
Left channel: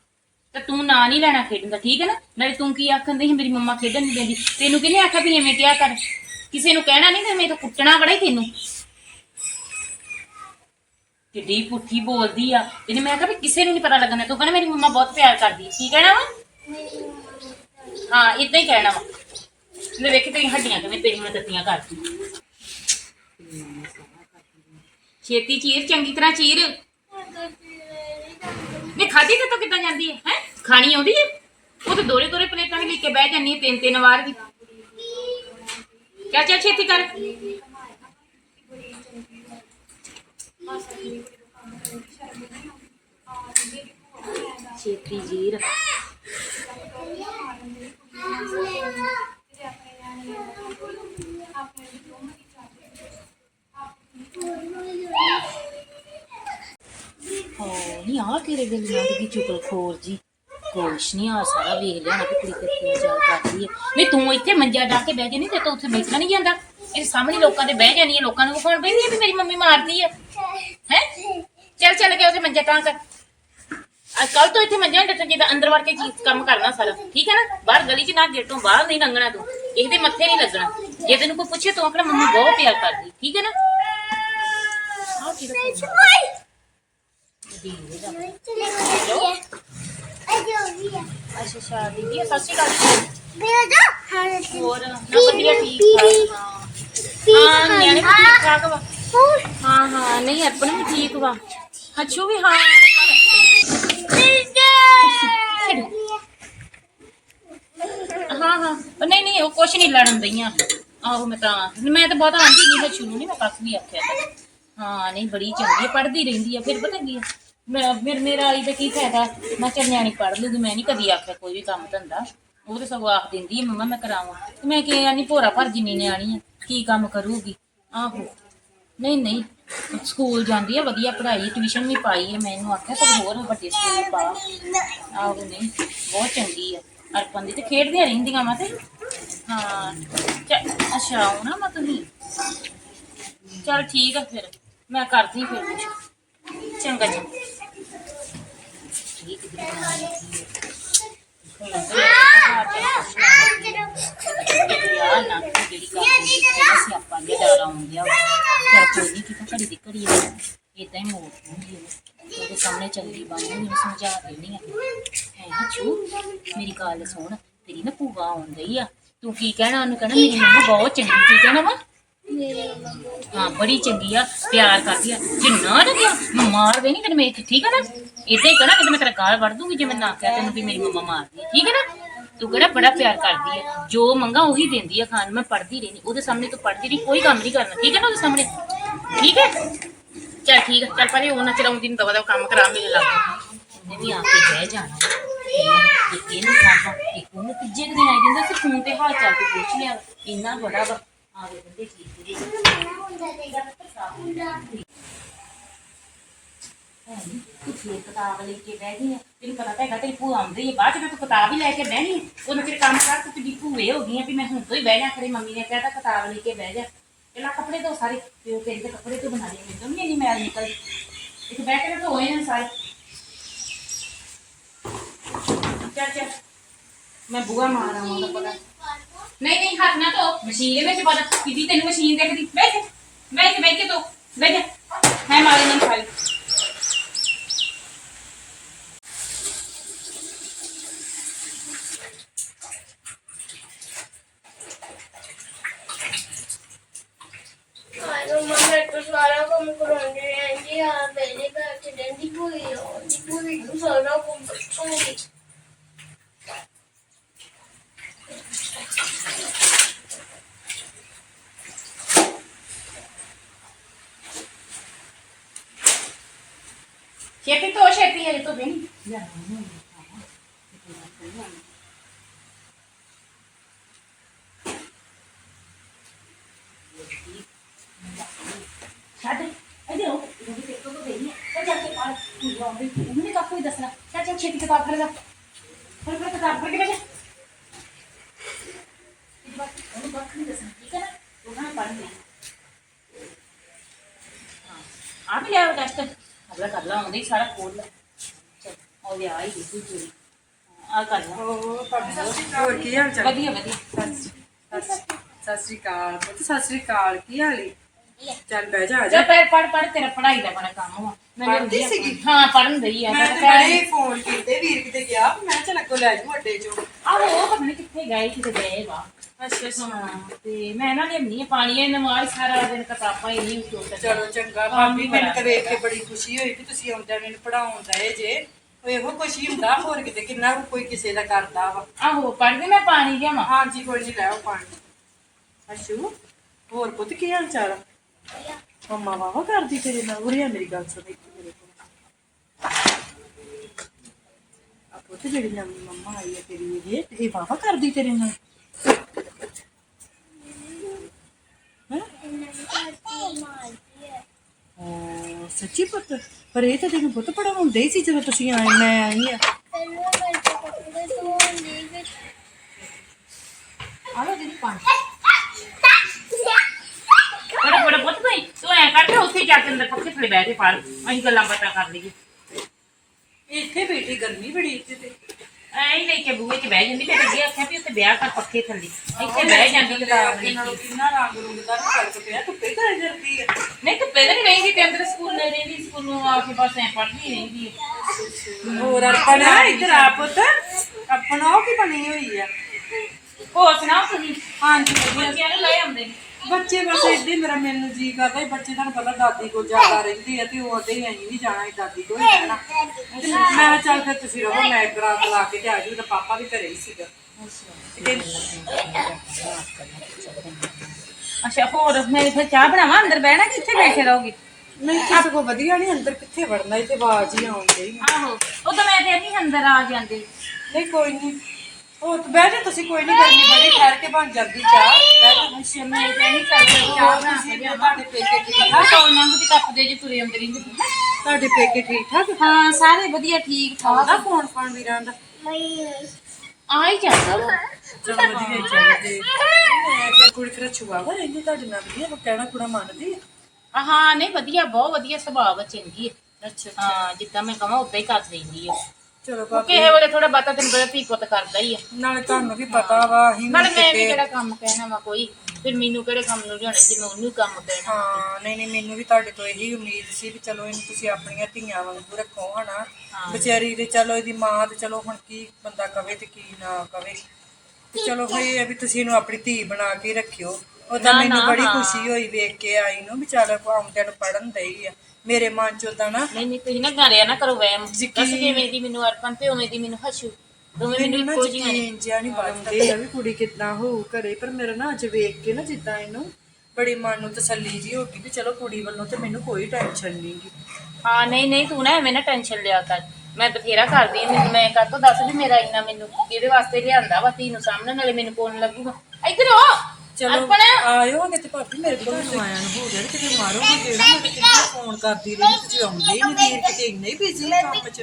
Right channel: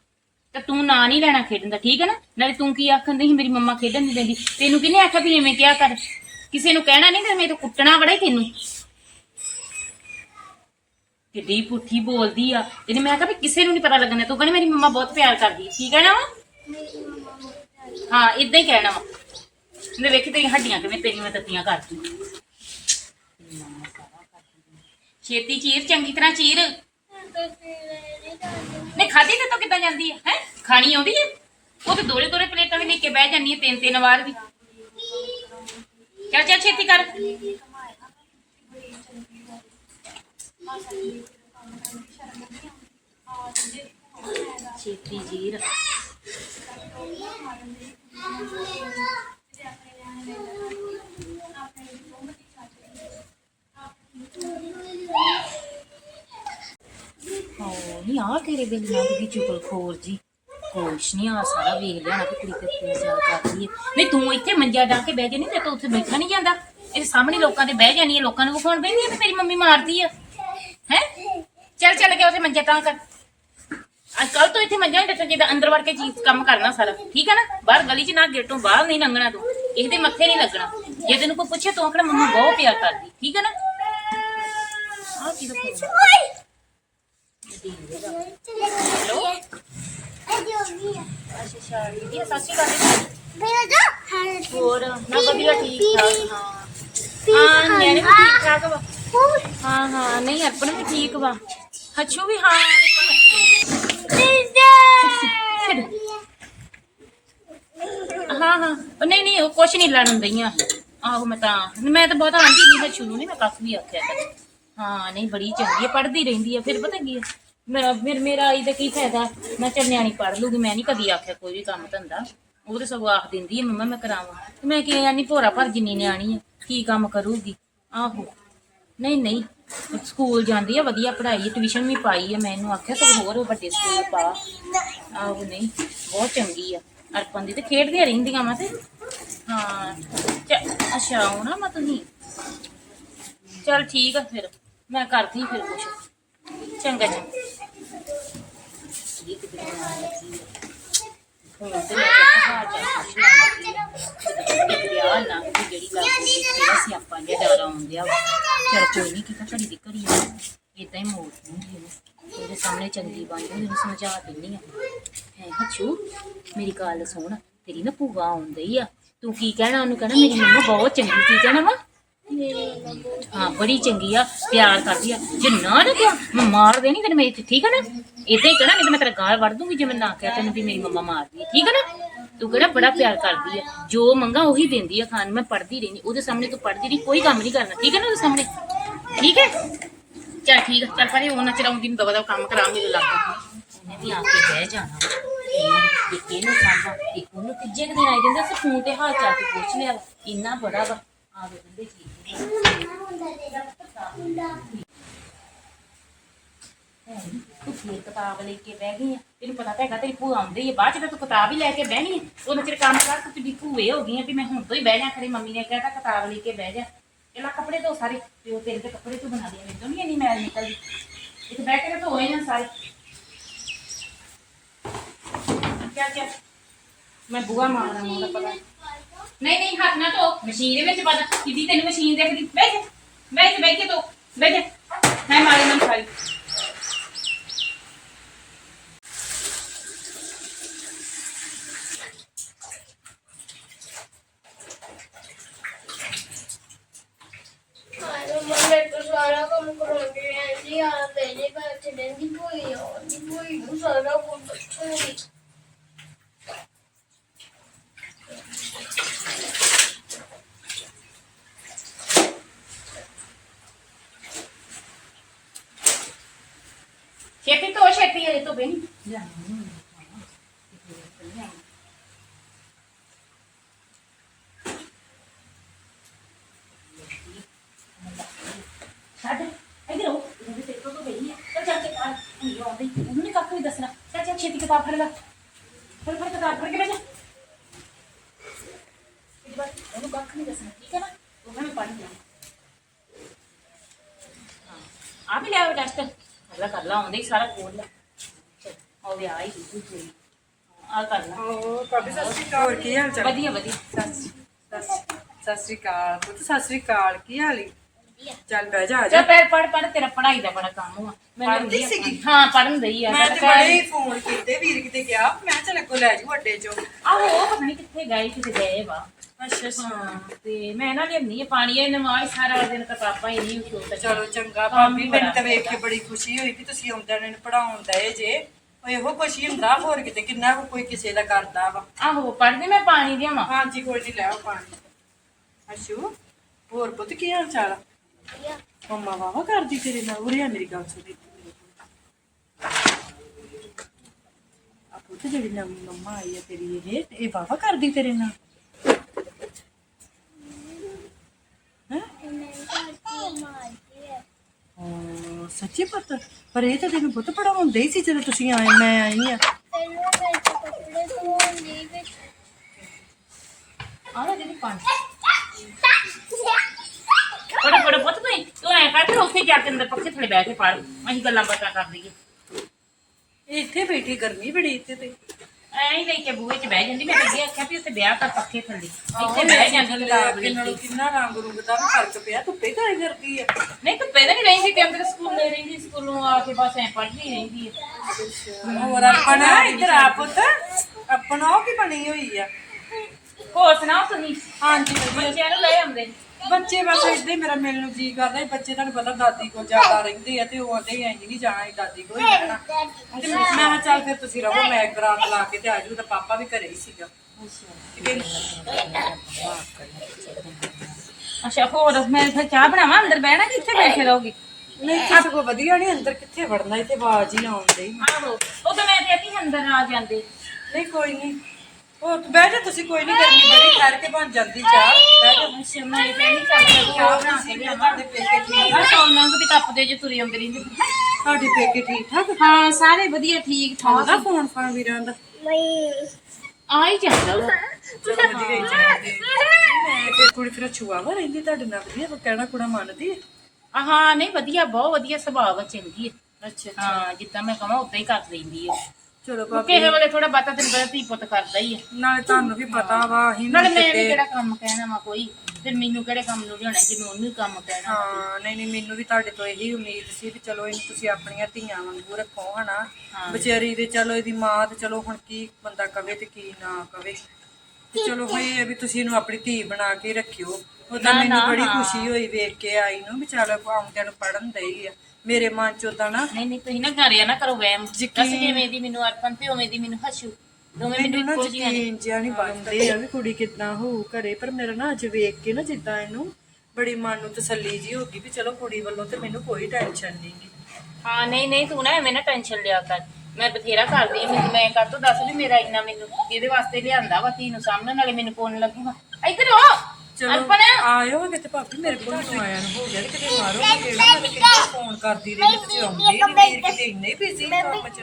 ਤਾਂ ਤੂੰ ਨਾਂ ਨਹੀਂ ਲੈਣਾ ਖੇਡਣ ਦਾ ਠੀਕ ਹੈ ਨਾ? ਨਾਲੇ ਤੂੰ ਕੀ ਆਖਣ ਦੀ ਸੀ? ਮੇਰੀ ਮੰਮਾ ਖੇਡਣ ਨਹੀਂ ਦਿੰਦੀ। ਤੈਨੂੰ ਕਿਹਨੇ ਆਖਿਆ ਵੀ ਐਵੇਂ ਕਿਆ ਕਰ? ਕਿਸੇ ਨੂੰ ਕਹਿਣਾ ਨਹੀਂ ਤੇ ਮੇਰੇ ਤੋਂ ਕੁੱਟਣਾ ਬੜੇ ਤੈਨੂੰ। ਕਿੱਡੀ ਪੁੱਠੀ ਬੋਲਦੀ ਆ। ਇਹਨੇ ਮੈਂ ਕਿਹਾ ਵੀ ਕਿਸੇ ਨੂੰ ਨਹੀਂ ਪਤਾ ਲੱਗਣਾ। ਤੂੰ ਕਹਿੰਦਾ ਮੇਰੀ ਮੰਮਾ ਬਹੁਤ ਪਿਆਰ ਕਰਦੀ ਹੈ ਕੀ ਕਹਿਣਾ ਵਾ? ਹਾਂ ਇਦਾਂ ਹੀ ਕਹਿਣਾ ਵਾ। ਲੈ ਵੇਖੀ ਤੇਰੀਆਂ ਹੱਡੀਆਂ ਕਿਵੇਂ ਤੇਰੀਆਂ ਤੱਤੀਆਂ ਕਰਦੀ ਤੇਰੀ ਮੰਮਾ ਸਾਰਾ ਕਰਦੀ ਆ। ਛੇਤੀ ਚੀਰ ਚੰਗੀ ਤਰ੍ਹਾਂ ਚੀਰ। ਨਹੀਂ ਖਾਦੀ ਤੇ ਤੋਂ ਕਿੱਦਾਂ ਜਾਂਦੀ ਹੈ ਹੈ? ਖਾਣੀ ਆਉਂਦੀ ਹੈ ਉਹ ਤੇ ਦੋਰੇ ਦੋਰੇ ਪਲੇਟਾਂ ਵੀ ਲੈ ਕੇ ਬਹਿ ਜਾਂਦੀ ਹੈ ਤਿੰਨ ਤਿੰਨ ਵਾਰ ਵੀ। ਚੱਲ ਚੱਲ ਛੇਤੀ ਕਰ? ਛੇਤੀ ਜੀਰ ਹੋ, ਨਹੀਂ ਆ ਕਿਹੜੇ ਦਿਨ ਨਾਲ ਦੀ ਚੁਗਲ ਖੋਰ ਜੀ? ਕੁਛ ਨਹੀਂ ਆ ਸਾਰਾ ਵੇਖ ਲਿਆ ਨਾ ਕਿ ਕੁੜੀ ਕਿੱਥੇ ਜਾ ਕਰਦੀ ਹੈ। ਨਹੀਂ ਤੂੰ ਇੱਥੇ ਮੰਜਾ ਡਾ ਕੇ ਬਹਿ ਜਾਨੀ ਤੇ ਤੂੰ ਉੱਥੇ ਬੈਠਣਾ ਨਹੀਂ ਜਾਂਦਾ। ਇਹ ਸਾਹਮਣੇ ਲੋਕਾਂ ਦੇ ਬਹਿ ਜਾਨੀ ਹੈ ਲੋਕਾਂ ਨੂੰ ਫੋਨ ਬੈਠੀ ਹੈ ਵੀ ਮੇਰੀ ਮੰਮੀ ਮਾਰਦੀ ਹੈ ਹੈ? ਚੱਲ ਚੱਲ ਕੇ ਉੱਥੇ ਮੰਜਾ ਤਾਂ ਕਰ। ਅੱਜ ਕੱਲ ਤੋਂ ਇੱਥੇ ਮੰਜਾ ਡੱਟਣ ਜਿਹਦਾ ਅੰਦਰ ਵੜ ਕੇ ਚੀਜ਼ ਕੰਮ ਕਰਨਾ ਸਾਰਾ। ਠੀਕ ਹੈ ਨਾ? ਬਾਹਰ ਗਲੀ 'ਚ ਨਾ ਗੇਟੋਂ ਬਾਹਰ ਨਹੀਂ ਲੰਘਣਾ ਤੂੰ। ਇਹਦੇ ਮੱਥੇ ਨਹੀਂ ਲੱਗਣਾ। ਜੇ ਤੈਨੂੰ ਕੋਈ ਪੁੱਛੇ ਤੂੰ ਆਖਣਾ ਮੰਮਾ ਬਹੁਤ ਪਿਆਰ ਕਰਦੀ ਠੀਕ ਹੈ ਨਾ? ਆਹ ਕੀ ਦਾ ਫੋਨ ਹੈਲੋ ਅੱਛਾ ਅੱਛਾ ਦੀਦੀ ਸਤਿ ਸ਼੍ਰੀ ਅਕਾਲ ਜੀ। ਹੋਰ ਨਾ ਵਧੀਆ ਠੀਕ ਠਾਕ ਹਾਂ ਹਾਂ ਨਿਆਣੇ ਵੀ ਠੀਕ ਠਾਕ ਵਾ ਹਾਂ। ਹਾਂ ਨਹੀਂ ਅਰਪਣ ਵੀ ਠੀਕ ਵਾ ਹੱਛੂ ਵੀ ਹਾਂ ਹਾਂ ਹਾਂ ਉਹ ਨਹੀਂ ਨਹੀਂ ਉਹ ਕੁਛ ਨਹੀਂ ਲੜਨ ਦਈਆਂ। ਆਹੋ, ਮੈਂ ਤਾਂ ਮੈਂ ਤਾਂ ਬਹੁਤ ਆਂਦੀ ਨਹੀਂ ਹੱਛੂ ਨੂੰ ਨਹੀਂ ਮੈਂ ਕੱਖ ਵੀ ਆਖਿਆ। ਕਦੇ ਹਾਂ, ਨਹੀਂ, ਬੜੀ ਚੰਗੀ ਹੈ ਪੜ੍ਹਦੀ ਰਹਿੰਦੀ ਆ, ਫਿਰ ਪਤਾ ਕੀ ਹੈ ਮੈਂ ਫਿਰ ਮੇਰਾ ਆਈ ਦਾ ਕੀ ਫਾਇਦਾ? ਮੈਂ ਚੱਲ ਨਿਆਣੀ ਪੜ ਲੂਗੀ, ਮੈਂ ਨਹੀਂ ਕਦੀ ਆਖਿਆ ਕੋਈ ਵੀ ਕੰਮ ਧੰਦਾ। ਉਹ ਤੇ ਸਗੋਂ ਆਖ ਦਿੰਦੀ ਹੈ ਮੰਮਾ ਮੈਂ ਕਰਾਵਾਂ। ਤੇ ਮੈਂ ਕਿਹਾ ਨਹੀਂ ਭੋਰਾ ਭਰ ਜਿੰਨੀ ਨਿਆਣੀ ਹੈ ਕੀ ਕੰਮ ਕਰੂਗੀ? ਆਹੋ। ਨਹੀਂ ਨਹੀਂ, ਸਕੂਲ ਜਾਂਦੀ ਹੈ ਵਧੀਆ ਪੜ੍ਹਾਈ ਟਿਊਸ਼ਨ ਵੀ ਪਾਈ ਹੈ ਮੈਂ ਇਹਨੂੰ ਆਖਿਆ ਤੂੰ ਹੋਰ ਵੱਡੇ ਸਕੂਲ ਪਾ। ਆਹੋ, ਨਹੀਂ, ਬਹੁਤ ਚੰਗੀ ਆ। ਅਰਪਨ ਦੀ ਤੇ ਖੇਡਦੀਆਂ ਰਹਿੰਦੀਆਂ ਵਾ ਤੇ। ਹਾਂ, ਚ- ਅੱਛਾ, ਆਉਣਾ ਮੈਂ ਤੁਸੀਂ? ਚਲ ਠੀਕ ਆ ਫਿਰ, ਮੈਂ ਕਰਦੀ ਫਿਰ ਕੁਛ। ਚੰਗਾ ਜੀ। ਠੀਕ ਜੀ ਹੁਣ ਤੇ ਮੈਂ ਯਾਰ ਨਾ ਜਿਹੜੀ ਗੱਲ ਹੋਈ ਤੇਰਾ ਸਿਆਪਾ ਜਿਹਾ ਡਰ ਆਉਂਦਿਆ ਚਲ ਕੋਈ ਨਹੀਂ ਕਿਤਾ ਘੜੀ ਦੀ ਘੜੀ ਇਦਾਂ ਹੀ ਮੋੜ ਦੂੰਗੀ ਉਹਨੂੰ ਉਹਦੇ ਸਾਹਮਣੇ ਚੰਗੀ ਬਣ ਜੂ ਮੈਨੂੰ ਸਮਝਾ ਦੇਣੀ ਆ ਹੈ ਹੱਛੂ ਮੇਰੀ ਗੱਲ ਸੁਣ, ਤੇਰੀ ਨਾ ਭੂਆ ਆਉਂਦੀ ਆ। ਤੂੰ ਕੀ ਕਹਿਣਾ? ਉਹਨੂੰ ਕਹਿਣਾ, ਮੇਰੀ ਮੰਮਾ ਬਹੁਤ ਚੰਗੀ ਚੀਜ਼ ਹੈ ਨਾ ਵਾ। ਹਾਂ, ਬੜੀ ਚੰਗੀ ਆ, ਪਿਆਰ ਕਰਦੀ ਆ। ਜਿੰਨਾ ਨਾ ਕਿਹਾ ਮੈਂ ਮਾਰ ਦੇਣੀ ਤੈਨੂੰ ਮੇਰੀ ਠੀਕ ਹੈ ਨਾ? ਇਦਾਂ ਹੀ ਕਰਾਂ ਨਹੀਂ ਤੇ ਮੈਂ ਤੇਰਾ ਗਾਲ ਵੜ ਦੂੰਗੀ ਜੇ ਮੈਂ ਨਾ ਕਿਹਾ ਤੈਨੂੰ ਵੀ ਮੇਰੀ ਮੰਮਾ ਮਾਰਦੀ ਹੈ ਠੀਕ ਹੈ ਨਾ? ਤੂੰ ਕਿਹੜਾ ਬੜਾ ਪਿਆਰ ਕਰਦੀ ਹੈ ਜੋ ਮੰਗਾ ਉਹੀ ਦਿੰਦੀ ਆ ਖਾਣ ਮੈਂ ਪੜਦੀ ਰਹਿੰਦੀ, ਉਹਦੇ ਸਾਹਮਣੇ ਤੂੰ ਪੜਦੀ ਰਹੀ ਕੋਈ ਕੰਮ ਨਹੀਂ ਕਰਨਾ, ਠੀਕ ਹੈ ਨਾ ਉਹਦੇ ਸਾਹਮਣੇ? ਠੀਕ ਹੈ ਚੱਲ ਠੀਕ ਹੈ ਚੱਲ ਭਾਜੀ ਉਹਨਾਂ ਚਲਾਉਂਦੀ ਨੂੰ ਦਵਾ ਦਾ ਕੰਮ ਕਰਾ, ਮੇਰੇ ਲੱਗ ਉਹਨੇ ਵੀ ਆ ਕੇ ਬਹਿ ਜਾਣਾ ਵਾ। ਇੱਕ ਇਹਨੂੰ ਖਾਵਾ ਇੱਕ ਉਹਨੂੰ ਤੀਜੇ ਕੁ ਦਿਨ ਆਈ ਜਾਂਦਾ ਫੋਨ ਤੇ ਹਾਲ ਚਾਲ ਤੇ ਪੁੱਛ ਲਿਆ ਵਾ। ਇੰਨਾ ਬੜਾ ਵਾ। ਆਵੇ ਬੰਦੇ ਚੀਜ਼ ਤੂੰ ਫੇਰ ਕਿਤਾਬ ਲੈ ਕੇ ਬਹਿ ਗਈ ਆ। ਤੈਨੂੰ ਪਤਾ ਤਾਂ ਹੈਗਾ, ਤੇਰੀ ਭੂਆ ਆਉਂਦੀ ਹੈ ਬਾਅਦ ਚ ਤੂੰ ਕਿਤਾਬ ਹੀ ਲੈ ਕੇ ਬਹਿਣੀ ਉਹਨਾਂ ਚਿਰ ਕੰਮ ਕਰ, ਤੂੰ ਤੇ ਭੂਏ ਹੋ ਗਈ ਆ ਵੀ ਮੈਂ ਹੁਣ ਤੋਂ ਹੀ ਬਹਿ ਜਾ, ਖਰੇ ਮੰਮੀ ਨੇ ਕਿਹਾ ਤਾਂ ਕਿਤਾਬ ਲੈ ਕੇ ਬਹਿ ਜਾ। ਇਹਨਾਂ ਕੱਪੜੇ ਧੋ ਸਾਰੇ, ਤੇ ਉਹ ਤੇਰੇ ਤੇ ਕੱਪੜੇ ਤੂੰ ਬਣਾ ਦੇ ਮੈਨੂੰ ਨਹੀਂ ਇੰਨੀ ਮੈਲ ਨਿਕਲਦੀ ਇੱਕ ਬਹਿ ਕੇ ਧੋਏ ਨਾ ਸਾਰੇ। ਚੱਲ ਚੱਲ। ਮੈਂ ਬੁਆ ਮਾਰਾਂ ਮਾਂ ਦਾ ਪਤਾ। ਨਹੀਂ ਨਹੀਂ, ਹੱਥ ਨਾ ਧੋ। ਮਸ਼ੀਨ ਦੇ ਵਿੱਚ ਪਤਾ ਕਿਦੀ ਤੈਨੂੰ ਮਸ਼ੀਨ ਦੇਖਦੀ। ਬਹਿ ਜਾ। ਬਹਿ ਕੇ ਧੋ। ਬਹਿ ਮੈਂ ਮਾਰੀ ਨਹੀਂ ਖਾਈ ਹਾਏ ਮੰਮਾ ਮੈਂ ਤਾਂ ਸਾਰਾ ਕੰਮ ਕਰਾਉਂਦੀ ਰਹਿੰਦੀ ਆ ਵੇਲੇ ਬੈਠ ਰਹਿੰਦੀ ਪੂਰੀ ਆਉਂਦੀ ਪੂਰੀ ਨੂੰ ਸਾਰਾ ਕੰਮ ਦੱਸੂਗੀ ਛੇਤੀ ਧੋ ਛੇਤੀ ਹੈ ਧੋ ਬੇਨੀ ਛੱਡ ਇਧਰ ਹੋ ਇਹਦੇ ਤੇ ਤੋਂ ਬੇਨੀ ਚੱਲ ਚੱਲ ਕੇ ਪਾਲ ਉਹ ਆਉਂਦੀ ਉਹਨੂੰ ਨਹੀਂ ਕਾਕੂ ਹੀ ਦੱਸਣਾ ਚੱਲ ਚੱਲ ਛੇਤੀ ਕਿਤਾਬ ਫੜ ਲੈ। ਫੜ ਫੜ ਕਿਤਾਬ ਫੜ ਕੇ ਬੈਠ ਇੱਕ ਵਾਰ ਉਹਨੂੰ ਕੱਖ ਨਹੀਂ ਦੱਸਣਾ ਠੀਕ ਹੈ ਨਾ? ਉਹਨਾਂ ਨੇ ਪੜ੍ਹ ਲਿਆ। ਆ ਵੀ ਲਿਆ ਟੈਸਟ ਕਰ ਲਾ ਕਰ ਲਾ ਆਉਂਦੇ ਹੀ ਸਾਰਾ ਖੋਲ ਲਾ। ਚੱਲ ਆਉਂਦੇ ਆ ਹੀ ਪੂਰੀ ਆ ਕਰ ਲਾ। ਹੋਰ ਭਾਬੀ ਸਤਿ ਸ਼੍ਰੀ ਅਕਾਲ। ਕੀ ਹਾਲ ਚਾਲ? ਵਧੀਆ ਵਧੀਆ। ਸਤਿ ਸਤਿ ਸ਼੍ਰੀ ਅਕਾਲ। ਪੁੱਤ ਸਤਿ ਸ਼੍ਰੀ ਅਕਾਲ। ਕੀ ਹਾਲ ਈ? ਚੱਲ ਬਹਿ ਜਾ ਆ ਜਾ। ਜਾ ਪੈਰ ਪੜ ਪੜ ਤੇਰਾ ਪੜਾਈ ਦਾ ਬੜਾ ਕੰਮ ਪੜ੍ਹਦੀ ਹੁੰਦੀ ਆ ਸੀਗੀ? ਪੜ੍ਹਨ। ਹਾਂ ਪੜਨ ਦਈ ਆ ਮੈਂ ਤਾਂ ਤੇ ਕਹਿ ਬੜੇ ਫੋਨ ਕੀਤੇ ਵੀਰ ਕਿਤੇ ਗਿਆ। ਮੈਂ ਕਿਹਾ ਚੱਲ ਅੱਗੋਂ ਲੈ ਜੂ ਅੱਡੇ ਚੋਂ। ਆਹੋ ਉਹ ਪਤਾ ਨਹੀਂ ਕਿੱਥੇ ਗਏ ਕਿਤੇ ਗਏ ਵਾ। ਅੱਛਾ ਅੱਛਾ। ਹਾਂ ਤੇ ਮੈਂ ਨਾ ਲਿਆਉਣੀ ਆ ਪਾਣੀ ਇਹ ਨਵਾਜ਼ ਸਾਰਾ ਦਿਨ ਕਿਤਾਬਾਂ ਹੀ ਨਹੀਂ ਛੋਟਾ ਚਲੋ ਚੰਗਾ ਹਾਂ, ਭਾਬੀ ਬੜਾ ਮੈਨੂੰ ਤਾਂ ਵੇਖ ਕੇ ਬੜੀ ਖੁਸ਼ੀ ਹੋਈ ਕਿ ਤੁਸੀਂ ਆਉਂਦੇ ਮੈਨੂੰ ਪੜਾਉਣ ਦਏ ਜੇ। ਉਹ ਇਹੋ ਕੁਛ ਹੀ ਹੁੰਦਾ ਹੋਰ ਕਿਤੇ ਕਿੰਨਾ ਕੁ ਕੋਈ ਕਿਸੇ ਦਾ ਕਰਦਾ ਵਾ। ਆਹੋ ਪੜਦੀ ਮੈਂ ਪਾਣੀ ਲਿਆਵਾਂ। ਹਾਂਜੀ ਕੋਈ ਨਹੀਂ ਲੈਓ ਪਾਣੀ। ਅਸ਼ੂ ਹੋਰ ਪੁੱਤ ਕੀ ਹਾਲ ਚਾਲ ਆ? ਮੰਮਾ ਵਾਵਾ ਕਰਦੀ ਤੇਰੇ ਨਾਲ? ਉਰੇ ਆ ਮੇਰੀ ਗੱਲ ਸੁਣ ਇੱਕ। ਆ ਪੁੱਤ ਜਿਹੜੀ ਨਵੀਂ ਮੰਮਾ ਆਈ ਹੈ ਤੇਰੀ ਇਹ ਤੇ ਇਹ ਵਾਵਾ ਕਰਦੀ ਤੇਰੇ ਨਾਲ। ਹੈਂ? ਸੱਚੀ ਪੁੱਤ? ਪਰ ਇਹ ਤਾਂ ਤੈਨੂੰ ਪੁੱਤ ਪੜਾਉਂਦੇ ਹੀ ਸੀ ਜਦੋਂ ਤੁਸੀਂ ਆਏ, ਮੈਂ ਆਈ ਆ। ਤੈਨੂੰ ਦੀਦੀ ਪਾਣੀ ਬੜਾ ਬੜਾ ਪੁੱਤ ਤੂੰ ਤੂੰ ਐ ਕਰਕੇ ਉੱਥੇ ਜਾ ਕੇ ਅੰਦਰ ਪੱਖੇ ਥੱਲੇ ਬੈਠ ਕੇ ਪੜ ਅਸੀਂ ਗੱਲਾਂ ਬਾਤਾਂ ਕਰ ਲਈਏ। ਇੱਥੇ ਬੈਠੀ ਗਰਮੀ ਬੜੀ ਇੱਥੇ ਤੇ। ਐਂ ਹੀ ਲੈ ਕੇ ਬੂਹੇ 'ਚ ਬਹਿ ਜਾਂਦੀ ਮੈਂ ਅੱਗੇ ਆਖਿਆ ਵੀ ਉੱਥੇ ਵਿਆਹ ਕਰ ਪੱਖੇ ਥੱਲੇ। ਇੱਥੇ ਬਹਿ ਜਾਂਦੀ ਕਿਤਾਬ ਲੈ ਨਾਲੋਂ ਕੇ। ਕਿੰਨਾ ਰੰਗ ਰੁੰਗ ਦਾ ਵੀ ਫ਼ਰਕ ਪਿਆ ਧੁੱਪੇ ਘਰੇ ਕਰਦੀ ਆ। ਨਹੀਂ ਤਾਂ ਪਹਿਲਾਂ ਨਹੀਂ ਰਹਿੰਦੀ ਕਿ ਅੰਦਰ ਸਕੂਲੇ ਰਹਿੰਦੀ ਸਕੂਲੋਂ ਆ ਕੇ ਬਸ ਐ ਪੜ੍ਹਦੀ ਰਹਿੰਦੀ ਹੈ ਹੋਰ ਆਪਣਾ ਇੱਧਰ ਆ ਪੁੱਤ। ਆਪਣਾ ਉਹ ਕੀ ਬਣੀ ਹੋਈ ਆ? ਹੋਰ ਸੁਣਾਓ ਤੁਸੀਂ? ਹਾਂਜੀ ਬੱਚਿਆਂ ਨੂੰ ਲੈ ਆਉਂਦੇ ਬੱਚੇ ਬਸ ਹੀ ਮੇਰਾ ਮਿਲਣ ਨੂੰ ਜੀ ਕਰਦਾ ਸੀ। ਬੱਚੇ ਤੁਹਾਨੂੰ ਪਤਾ ਦਾਦੀ ਕੋਲ ਜ਼ਿਆਦਾ ਰਹਿੰਦੇ ਆ ਤੇ ਉਹ ਆਂਦੇ ਹੀ ਅਸੀਂ ਨਹੀਂ ਜਾਣਾ ਸੀ ਦਾਦੀ ਕੋਲ ਹੀ ਰਹਿਣਾ। ਤੇ ਮੈਂ ਕਿਹਾ ਚੱਲ ਫਿਰ ਤੁਸੀਂ ਰਹੋ ਮੈਂ ਇੱਕ ਰਾਤ ਲਾ ਕੇ ਤੇ ਆ ਜੂ ਤਾਂ ਪਾਪਾ ਵੀ ਘਰੇ ਹੀ ਸੀਗਾ। ਤੇ ਕਹਿੰਦੀ ਅੱਛਾ ਹੋਰ ਮੈਂ ਫਿਰ ਚਾਹ ਬਣਾਵਾਂ? ਅੰਦਰ ਬਹਿਣਾ ਕਿ ਇੱਥੇ ਬੈਠੇ ਰਹੋਗੇ? ਨਹੀਂ ਕਿਸੇ ਕੋ ਵਧੀਆ ਨਹੀਂ ਅੰਦਰ ਕਿੱਥੇ ਵੜਨਾ ਇੱਥੇ ਆਵਾਜ਼ ਹੀ ਆਉਂਦੀ ਆਹੋ ਤਾਂ ਮੈਂ ਤੇ ਨਹੀਂ ਅੰਦਰ ਆ ਜਾਂਦੇ। ਨਹੀਂ ਕੋਈ ਨਹੀਂ। ਉਹ ਤੂੰ ਬਹਿ ਜਾ ਤੁਸੀਂ ਕੋਈ ਨਹੀਂ ਗਰਮੀ ਬੜੀ ਠਹਿਰ ਕੇ ਬਣ ਜਾਂਦੀ ਚਾਹ। ਬਹਿ ਜਾ ਅੱਛਾ ਮੈਂ ਨਹੀਂ ਫਿਰ ਚਾਹ ਬਣਾ ਕੇ ਲਿਆਵਾਂ ਤੁਹਾਡੇ ਪੇਕੇ ਠੀਕ ਹਾਂ? ਸੌ ਨੰਗ ਵੀ ਟੱਪਦੇ ਜੇ ਤੁਰੇ ਆਉਂਦੇ ਰਹਿੰਦੇ। ਤੁਹਾਡੇ ਪੇਕੇ ਠੀਕ ਠਾਕ? ਹਾਂ ਸਾਰੇ ਵਧੀਆ ਠੀਕ ਆਉਂਦਾ ਫੋਨ ਫਾਨ ਵੀਰਾਂ ਦਾ ਆ ਹੀ ਜਾਂਦਾ ਵਾ। ਚਲੋ ਵਧੀਆ ਹੀ ਚਾਹੀਦੇ ਮੈਂ ਤੇ ਕੁੜੀ ਫਿਰ ਛੁਆ ਵਾ ਰਹਿੰਦੀ ਤੁਹਾਡੇ ਨਾਲ ਵਧੀਆ ਵਾ, ਕਹਿਣਾ ਕੁੜਾ ਮੰਨਦੀ ਹੈ ਆ, ਹਾਂ ਨਹੀਂ ਵਧੀਆ ਬਹੁਤ ਵਧੀਆ ਸੁਭਾਅ ਵਾ ਚੰਗੀ ਹੈ ਅੱਛਾ ਹਾਂ ਜਿੱਦਾਂ ਮੈਂ ਕਹਾਂ ਉਦਾਂ ਹੀ ਕਰ ਲੈਂਦੀ ਹੈ ਚਲੋ ਉਹ ਭਾਬੀ। ਕਿਸੇ ਵੇਲੇ ਥੋੜਾ ਬਾਤਾ ਤੈਨੂੰ ਪਤਾ ਧੀ ਪੁੱਤ ਕਰਦਾ ਹੀ ਆ। ਨਾਲੇ ਤੁਹਾਨੂੰ ਵੀ ਪਤਾ ਵਾ ਅਸੀਂ ਨਾਲੇ ਵੀ ਮੈਂ ਵੀ ਕਿਤੇ ਕਿਹੜਾ ਕੰਮ ਕਹਿਣਾ ਵਾ ਕੋਈ? ਫਿਰ ਮੈਨੂੰ ਕਿਹੜੇ ਕੰਮ ਨੂੰ ਲਿਆਉਣਾ ਜੇ ਮੈਂ ਉਹਨੂੰ ਹੀ ਕੰਮ ਕਹਿਣਾ ਵਾ। ਹਾਂ ਨਹੀਂ ਨਹੀਂ ਮੈਨੂੰ ਵੀ ਤੁਹਾਡੇ ਤੋਂ ਇਹੀ ਉਮੀਦ ਸੀ ਵੀ ਚਲੋ ਇਹਨੂੰ ਤੁਸੀਂ ਆਪਣੀਆਂ ਧੀਆਂ ਵਾਂਗੂ ਰੱਖੋ ਹਨਾ? ਵਿਚਾਰੀ ਦੇ ਚਲੋ ਇਹਦੀ ਮਾਂ ਤੇ ਚਲੋ ਹੁਣ ਕੀ ਬੰਦਾ ਕਵੇ ਤੇ ਕੀ ਨਾ ਕਵੇ। ਤੇ ਚਲੋ ਹੋਈ ਹੈ ਵੀ ਤੁਸੀਂ ਇਹਨੂੰ ਆਪਣੀ ਧੀ ਬਣਾ ਕੇ ਰੱਖਿਓ। ਉਹਦਾ ਮੈਨੂੰ ਬੜੀ। ਖੁਸ਼ੀ ਹੋਈ ਵੇਖ ਕੇ ਆਈ ਨੂੰ ਵੀ ਚੱਲ ਆਉਂਦਿਆਂ ਨੂੰ ਪੜਨ ਦਈ ਆ। ਮੇਰੇ ਮਨ ਚ ਉਦਾਂ ਨਾ ਨਹੀਂ ਨਹੀਂ ਤੁਸੀਂ ਨਾ ਗਾਰਿਆ ਨਾ ਕਰੋ ਵਹਿਮ। ਦੱਸ ਜਿਵੇਂ ਦੀ ਮੈਨੂੰ ਅਰਪਣ ਤੇ ਉਵੇਂ ਦੀ ਮੈਨੂੰ ਹਸ਼ੂ। ਦੋਵੇਂ ਮੈਨੂੰ ਮੈਨੂੰ ਨਾ ਇੱਕੋ ਜਿਹੀਆਂ ਨੇ ਯਕੀਨ ਜਿਹਾ ਨਹੀਂ ਬਣਦੇ ਆ ਵੀ ਕੁੜੀ ਕਿੱਦਾਂ ਹੋਊ ਘਰੇ ਪਰ ਮੇਰਾ ਨਾ ਅੱਜ ਵੇਖ ਕੇ ਨਾ ਜਿੱਦਾਂ ਇਹਨੂੰ ਬੜੀ ਮਨ ਨੂੰ ਤਸੱਲੀ ਜੀ ਹੋ ਗਈ ਵੀ ਚਲੋ ਕੁੜੀ ਵੱਲੋਂ ਤੇ ਮੈਨੂੰ ਕੋਈ ਟੈਨਸ਼ਨ ਨਹੀਂਗੀ ਹਾਂ ਨਹੀਂ ਨਹੀਂ ਤੂੰ ਨਾ ਐਵੇਂ ਨਾ ਟੈਨਸ਼ਨ ਲਿਆ ਕਰ। ਮੈਂ ਬਥੇਰਾ ਕਰਦੀ ਆ ਮੈਨੂੰ ਮੈਂ ਕਾਹਤੋਂ ਦੱਸ ਵੀ ਮੇਰਾ ਇੰਨਾ ਮੈਨੂੰ ਇਹਦੇ ਵਾਸਤੇ ਲਿਆਂਦਾ ਵਾ ਤੀ ਨੂੰ ਸਾਹਮਣੇ ਨਾਲੇ ਮੈਨੂੰ ਕੋਣ ਲੱਗੂਗਾ ਇੱਧਰ ਆ! ਚਲੋ ਅਰਪਣ। ਆਇਓ ਕਿਤੇ ਭਾਬੀ ਮੇਰੇ ਕੋਲ ਆਇਆ ਨੂੰ ਹੋ ਜਾਣ ਕਿਤੇ ਮਾਰੋਗੇ ਕਿਹੜਾ ਮੈਂ ਤਾਂ ਕਿਤੇ ਫੋਨ ਕਰਦੀ ਰਹੀ ਤੁਸੀਂ ਆਉਂਦੇ ਹੀ ਨਹੀਂ ਵੀਰ ਕਿਤੇ ਇੰਨੇ ਬਿਜ਼ੀ ਕੰਮ ਚ।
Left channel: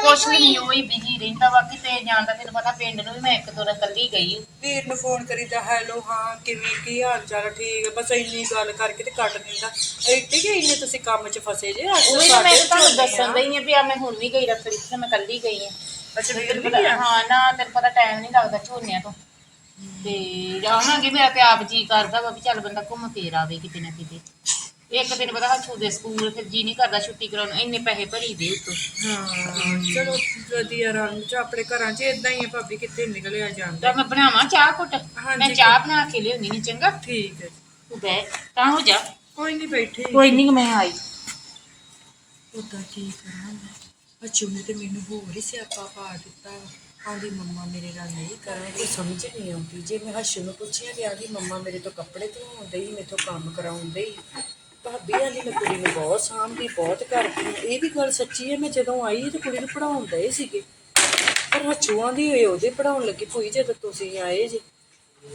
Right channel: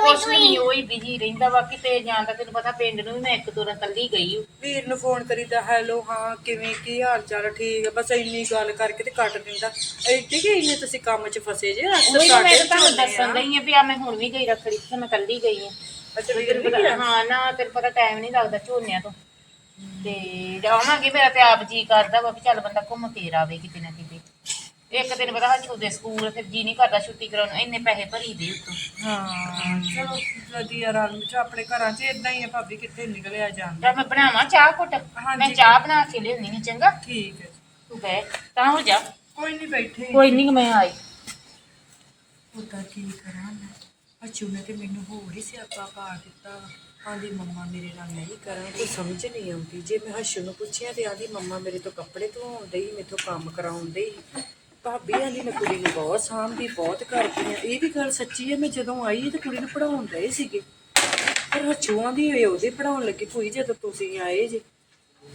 ਕੁਛ ਵੀ ਨਹੀਂ ਉਹੀ ਬਿਜ਼ੀ ਰਹਿੰਦਾ ਵਾ ਕਿਤੇ ਜਾਂਦਾ ਤੈਨੂੰ ਪਤਾ ਪਿੰਡ ਨੂੰ ਵੀ ਮੈਂ ਇੱਕ ਦੋ ਰ ਕੱਲੀ ਗਈ ਹੂੰ। ਵੀਰ ਨੂੰ ਫੋਨ ਕਰੀਦਾ ਹੈਲੋ ਹਾਂ ਕਿਵੇਂ ਕੀ ਹਾਲ ਚਾਲ ਠੀਕ ਆ ਬਸ ਇੰਨੀ ਗੱਲ ਕਰਕੇ ਤੇ ਕੱਟ ਦਿੰਦਾ। ਐਡੀ ਕਿ ਇੰਨੇ ਤੁਸੀਂ ਕੰਮ 'ਚ ਫਸੇ ਜੇ ਅਕਸਰ ਉਹੀ ਤਾਂ ਮੈਂ ਸਾਡੇ ਤੁਹਾਨੂੰ ਝੋਨੇ ਆ। ਦੱਸਣ ਗਈ ਆ ਵੀ ਆ ਮੈਂ ਹੁਣ ਵੀ ਗਈ ਰੱਖੜੀ ਤੇ ਮੈਂ ਕੱਲੀ ਗਈ ਆ ਅੱਛਾ ਵੀਰ ਤੈਨੂੰ ਵੀ ਪਤਾ ਗਿਆ ਹਾਂ ਨਾ ਤੈਨੂੰ ਪਤਾ ਟਾਈਮ ਨਹੀਂ ਲੱਗਦਾ ਝੋਨਿਆਂ ਤੋਂ। ਤੇ ਜਾਵਾਂਗੇ ਮੇਰਾ ਤੇ ਆਪ ਜੀ ਕਰਦਾ ਵਾ ਵੀ ਚੱਲ ਬੰਦਾ ਘੁੰਮ ਫੇਰ ਆਵੇ ਕਿਤੇ ਨਾ ਕਿਤੇ। ਇੱਕ ਦਿਨ ਪਤਾ ਹੱਛੂ ਦੇ ਸਕੂਲ ਫਿਰ ਜੀ ਨਹੀਂ ਕਰਦਾ ਛੁੱਟੀ ਕਰਾਉਣ ਨੂੰ, ਇੰਨੇ ਪੈਸੇ ਭਰੀ ਦੇ ਉਤੋਂ। ਹਾਂ ਚਲੋ ਵਧੀਆ ਰੰਗ ਚ ਆਪਣੇ ਘਰਾਂ 'ਚ ਇਦਾਂ ਹੀ ਆ ਭਾਬੀ ਕਿੱਥੇ ਨਿਕਲਿਆ ਜਾਂਦਾ। ਤਾਂ ਮੈਂ ਬਣਾਵਾਂ ਚਾਹ ਘੁੱਟ ਹਾਂਜੀ। ਮੈਂ ਚਾਹ ਬਣਾ ਕੇ ਲਿਆਉਣੀ ਨਹੀਂ ਚੰਗਾ? ਠੀਕ ਹੈ ਤੂੰ ਬਹਿ ਤਾਂ ਹੋ ਜਾ। ਕੋਈ ਨਹੀਂ ਬੈਠੇ। ਕੋਈ ਨਹੀਂ ਮੈਂ ਆਈ। ਉਦਾਂ ਕੀ ਕਰਾਂ ਮੈਂ। ਅਚੂ ਨੇ ਤੇ ਮੈਨੂੰ ਹੋਰ ਹੀ ਸਿਆਪਾ ਪਾ ਦਿੱਤਾ ਵਾ। ਆਂਦੀ ਮੰਮਾ ਮੇਰੇ ਨਾਲ ਨਹੀਂ ਕਰਾਂ ਕੋਈ ਸਮਝ ਨਹੀਂ ਆਉਂਦੀ। ਜੇ ਮੈਂ ਹਸ਼ੂ ਨੂੰ ਪੁੱਛਿਆ ਤੇ ਆਂਦੀ ਮੰਮਾ ਮੇਰੇ ਤੋਂ ਕੱਪੜੇ ਧਵਾਉਂਦੇ ਹੀ ਮੇਥੋਂ ਕੰਮ ਕਰਾਉਣ ਹੀ ਭਾਬੀ ਆਂਦੀ, ਮੈਂ ਕੁੜੀ ਨੂੰ ਬਹੁਤ ਸਾਂਭਦੀ, ਬਹੁਤ ਕਰਦੀ ਆ। ਇਹ ਵੀ ਗੱਲ ਸੱਚੀ ਹੈ ਮੈਂ ਜਦੋਂ ਆਈ ਤੇ ਕੁੜੀ ਨੂੰ ਪੜਾਉਂਦੇ ਸੀਗੇ। ਪਰ ਹਚੂ ਆਂਦੀ ਹੋਏ ਉਹਦੇ ਪੜਾਉਣ ਲੱਗੀ। ਭੂਈ ਜਦੋਂ ਤੁਸੀਂ ਆਏ ਜੇ,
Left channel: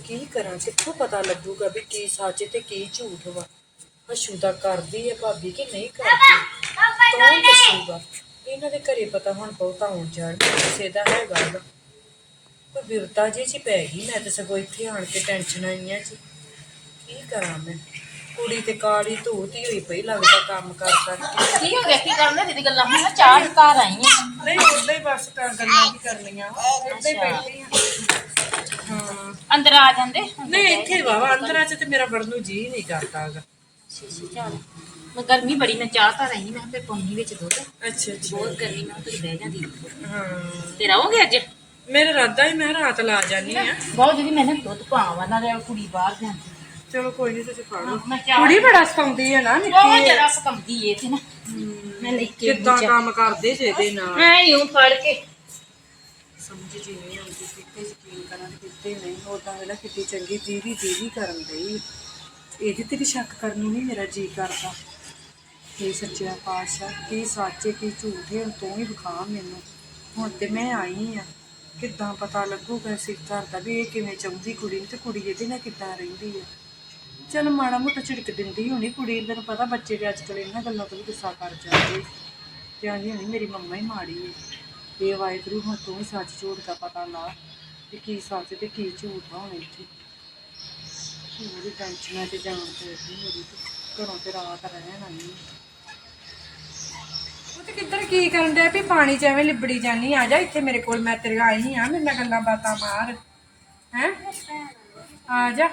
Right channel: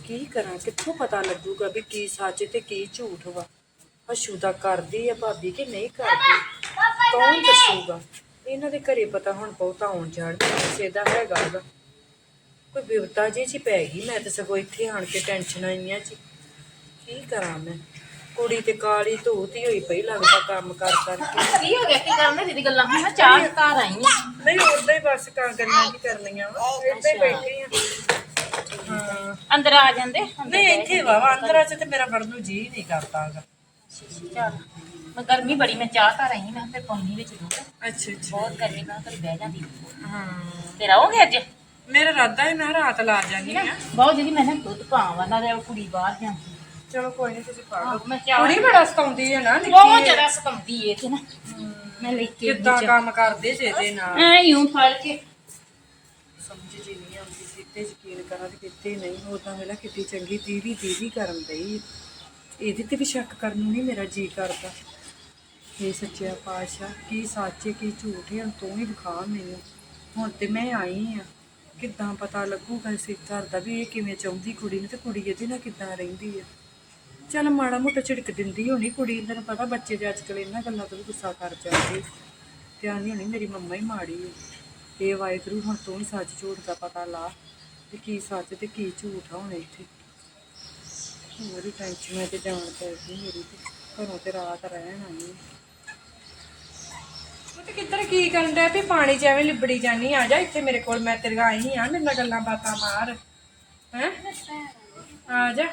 ਕੀ ਕਰਾਂ? ਕਿੱਥੋਂ ਪਤਾ ਲੱਗੂਗਾ ਵੀ ਕੀ ਸੱਚ ਤੇ ਕੀ ਝੂਠ ਵਾ? ਹਸ਼ੂ ਦਾ ਕਰਦੀ ਹੈ ਭਾਬੀ ਕਿ ਨਹੀਂ ਕਰਦੀ? ਕੌਣ ਦੱਸੂਗਾ? ਇਹਨਾਂ ਦੇ ਘਰੇ ਪਤਾ ਹੁਣ ਬਹੁਤਾ ਆਉਣ ਜਾਣ ਕਿਸੇ ਦਾ ਹੈਗਾ ਗਾ ਕੋਈ ਬਿਵਤਾ ਜੀ ਚ ਪੈ ਗਈ ਮੈਂ ਤਾਂ ਸਗੋਂ ਇੱਥੇ ਆਣ ਕੇ ਟੈਨਸ਼ਨ ਆਈਆਂ ਜੀ। ਕੀ ਕਰਾਂ ਮੈਂ? ਕੁੜੀ ਤੇ ਕਾਲੀ ਧੂਤੀ ਹੋਈ ਪਈ ਲੱਗਦਾ ਕੰਮ ਕਰ ਕਰਕੇ ਕੀ। ਹੋ ਗਿਆ? ਕੀ ਕਰਨ? ਦੀਦੀ ਗੱਲਾਂ ਹੁਣ ਮੈਂ ਚਾਹ ਘਰ ਆਈ ਆ ਨਹੀਂ ਉਦਾਂ ਹੀ ਬਸ ਕਾਂ ਗੱਲਾਂ ਕੀ ਕਰਨੀਆਂ ਵਾ। ਹੀ ਬੈਠੀ ਆ। ਹਾਂ। ਅੰਦਰ ਆ ਜਾਂਦੇ? ਅੰਦਰ ਨਹੀਂ ਇੱਥੇ ਵਾਵਾ ਅੰਦਰਾਂ ਚ ਤੇ ਮੇਰਾ ਵੜਨ ਨੂੰ ਜੀ ਨਹੀਂ ਕਰਦਾਗਾ ਚੱਲ। ਮੈਂ ਗਰਮੀ ਬੜੀ ਮੈਂ ਚਾਹ ਘਰ ਆਈ ਮੈਂ ਫਿਰ ਪੌਣੀ ਵਿੱਚ ਦੁੱਧ। ਅੱਛਾ ਅੱਛਾ। ਬਹੁਤ ਗਰਮੀ ਮੈਂ ਘਰ ਬਹਿ ਜਾਂਦੀ ਹਾਂ। ਤੇ ਰਹੋਗੇ ਅੱਜ? ਮੇਰਾ ਇਰਾਦਾ ਹੀ ਮੈਂ ਰਾਤ ਲਾ ਜਾਨੀ ਆ। ਬਹੁਤ ਜਿਹਦੀ ਮੈਂ ਨਾ ਦੁੱਧ ਪਾਵਾਂ ਨਾ ਤੇ ਕੁੜੀ ਬਾਹਰ ਜਾਂਦੀ। ਚਲੋ ਕੋਈ ਨਹੀਂ ਤੁਸੀਂ ਫੜ ਲਓ। ਮੈਂ ਚਾਹ ਕੁੜੀ ਬੜਾ ਸਤਾਉਂਦੀ ਹੈ ਨਾ ਬਹੁਤ ਨਿੱਕੀ ਜ਼ਿਆਦਾ ਸਪੰਦੀ ਏ ਤੇ ਨਾ ਮੈਂ ਲੈ ਕੇ ਕਿੱਦਾਂ ਕੰਮ ਕਰਦੇ ਜੇ ਇਹਦੇ ਨਾਲ? ਐ ਯੂੰ ਫੜ ਕੇ। ਸਮਝ ਜੀ ਨਹੀਂ ਆਉਂਦੀ ਕਿਤੇ ਯਕੀਨ ਕਰਾਂ ਤੇ ਕਿਤੇ ਨਹੀਂ ਉਦਾਂ ਵੇਲਾ ਕਿਤੇ ਚੰਗੀ ਦੀਦੀ ਦੀਦੀ ਕਰਨ ਦਈ ਇਹਦੇ ਤੇ ਵੀ ਸ਼ੱਕ ਕਰਨ ਨੂੰ ਨਹੀਂ ਮੇਰਾ ਜੀ ਕਰਦਾ। ਇਹ ਸੱਚਿਆ ਪਾਤਸ਼ਾਹ, ਕੀ ਸੱਚ ਹੈ ਕੀ ਝੂਠ ਹੈ ਤੂੰ ਹੀ ਵਿਖਾ ਮੈਨੂੰ। ਹੁਣ ਤੇ ਮੈਂ ਆਈ ਆ। ਕਿੱਦਾਂ ਪਤਾ ਲੱਗੂਗਾ ਸਿੱਖ ਘਰ ਦਾ ਵੀ ਇਹ ਕਿਵੇਂ ਚਾਹੁੰਦੀ ਕੁੜੀ ਨੂੰ ਤੇ ਕੁੜੀ ਇਹਦੇ ਨਾਲ ਕਿੱਦਾਂ ਰਹਿੰਦੀ ਹੈ ਚਲ ਮਾੜਾ ਮੋਟਾ ਝਿੜਕ ਦਿੰਦੀ ਹੋਣੀ ਕੁੜੀ, ਤੈਨੂੰ ਪਤਾ ਬੱਚੇ ਦੇ ਅੱਜ ਕੱਲ੍ਹ ਇਹਨਾਂ ਗੱਲਾਂ ਤੋਂ ਵੀ ਗੁੱਸਾ ਕਰ ਜਾਂਦੇ। ਤੇ ਆਂਦੀ ਹੋਣੀ ਮੇਰੀ ਮੰਮਾ ਹੀ ਮਾੜੀ ਹੈ ਇਹ ਵਾਹਿਗੁਰੂ, ਹੁਣ ਤੂੰ ਹੀ ਸੱਚ ਝੂਠ ਦਾ ਪਤਾ ਲਾ ਕਿ ਕੀ ਸੱਚ ਤੇ ਕੀ ਝੂਠ ਆ ਹੁਣ ਇੱਥੇ। ਮੇਰੀ ਟੈਨਸ਼ਨ ਤੇ ਜਾਣ ਪੈ ਗਈ ਮੇਰੀ ਤੇ। ਘਰੋਂ ਤੇ ਰਾਤ ਰਹਿਣ ਆਈ ਉਹ ਤੇ ਕਿੱਧਰ ਕੀ ਕਰਨ ਡਿਆ? ਵੀ ਪਾਣੀ ਚ ਐਵੇਂ ਲਿਬੜੀ ਜਾਨੀ ਆ। ਜਾ ਇੱਥੇ ਮੇਰੇ ਕੋਲ ਮੈਂ ਤੇਰੇ ਆਈ ਆ। ਮੇਰੇ ਨਾਲ ਗੱਲਾਂ ਬਾਤਾਂ ਮਾਰ। ਹੈ? ਆ ਜਾ।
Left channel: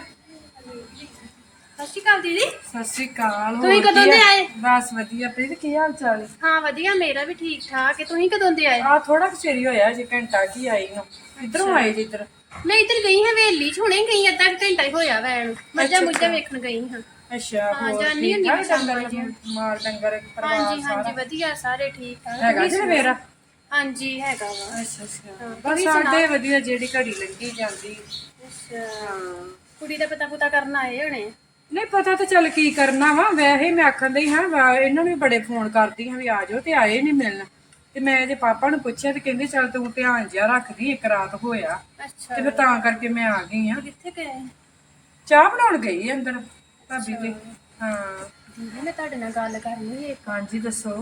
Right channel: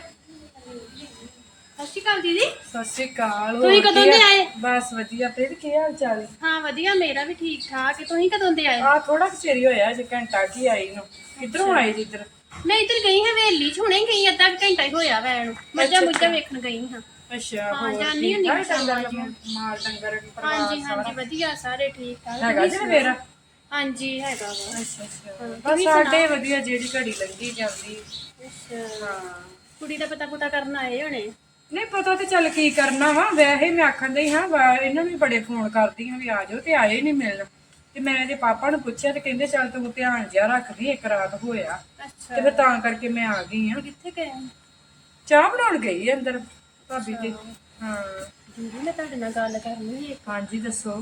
ਸਤਿ ਸ਼੍ਰੀ ਅਕਾਲ ਦੀਦੀ। ਸਤਿ ਸ਼੍ਰੀ ਅਕਾਲ। ਤੁਸੀਂ ਕਦੋਂ ਦੇ? ਆਏ? ਬਸ ਵਧੀਆ। ਪ੍ਰੀਤ ਕੀ ਹਾਲ ਚਾਲ? ਹੈ ਹਾਂ ਵਧੀਆ। ਮੇਰਾ ਵੀ ਠੀਕ ਠਾਕ। ਹੈ ਤੁਸੀਂ ਕਦੋਂ ਦੇ ਆਏ? ਆ ਥੋੜਾ ਚਿਰ ਹੀ ਹੋਇਆ ਜੇ ਘੰਟਾ ਕੀ ਆਈ ਨੂੰ। ਕਿੱਧਰੋਂ ਆਏ ਜੀ ਇੱਧਰ? ਮੈਂ ਇੱਧਰ ਗਈ ਹਾਂ ਵੇਲੀ ਚ। ਹੁਣੇ ਗਈ ਅੱਧਾ ਕੁ ਘੰਟਾ ਹੀ ਹੋਇਆ ਵੈ ਨੂੰ। ਮੱਝਾਂ ਮੁੱਝਾਂ ਵੇਖਣ ਗਈ ਹਾਂ। ਅੱਛਾ ਹਾਂ, ਹੋਰ ਜਾਨੀ ਠੀਕ? ਹੁੰਦੀ ਠਾਕ ਮੈਂ ਡੰਗਰ ਮਾਲ ਡੰਗਰ ਪਰਿਵਾਰ ਹਾਂਜੀ ਸਾਰਾ? ਹਾਂਜੀ ਵਧੀਆ ਸਾਰੇ ਠੀਕ ਠਾਕ। ਹੈਗਾ ਤੁਸੀਂ ਜੀ? ਮੇਰਾ? ਹਾਂਜੀ ਹੈਗਾ ਵਾ। ਅੱਛਾ ਅੱਛਾ। ਹਾਂ, ਬਸ ਸਾਡੇ ਵਧੀਆ ਜਿਹੜੀ ਘੜੀ ਲੰਘੀ ਜਾਂਦੀ। ਅੱਛਾ। ਹਾਂ। ਕੁੜੀ ਦਾ ਪਤਾ ਪੁਤਾ ਕਰਨ ਆਏ ਹੋਣੇ? ਨਹੀਂ ਪਤਾ ਤੇ ਚੱਲ ਕੀ ਕਰਨਾ ਵਾ। ਵੈਸੇ ਮੈਂ ਆਖਣ ਡਈ ਹਾਂ ਵਾ- ਇਹਨਾਂ ਨੂੰ ਵੀ ਬੜੇ ਫੋਨ ਕਰਦੀ ਹਾਂ ਵੀ ਆ ਜਾਓ ਤੇ ਆਏ ਨਹੀਂ ਮਿਲਣ। ਤੇ ਮੈਂ ਇਹਦੇ ਪਾਪਾ ਨੂੰ ਪੁੱਛਿਆ ਤੇ ਕਹਿੰਦੇ ਚੱਲ ਤੂੰ ਧਿਆਨ ਜਿਹਾ ਰੱਖਦੀ ਇੱਕ ਰਾਤ ਹੋਇਆ। ਅੱਛਾ। ਤੇ ਫਿਰ ਤਾਂ ਕਰਕੇ ਮੈਂ ਆ ਗਈ ਆ ਕਿੱਥੇ ਗਏ? ਚਾਹ ਬਣਾਉਣ ਗਈ ਅੰਦਰ। ਭਾਬੀ ਤੇ ਹਾਂ। ਦੀਦੀ ਮੈਂ ਤੁਹਾਡੇ ਨਾਲ ਗੱਲ ਕਰਨੀ ਹੈ ਹਾਂਜੀ ਦੱਸੋ।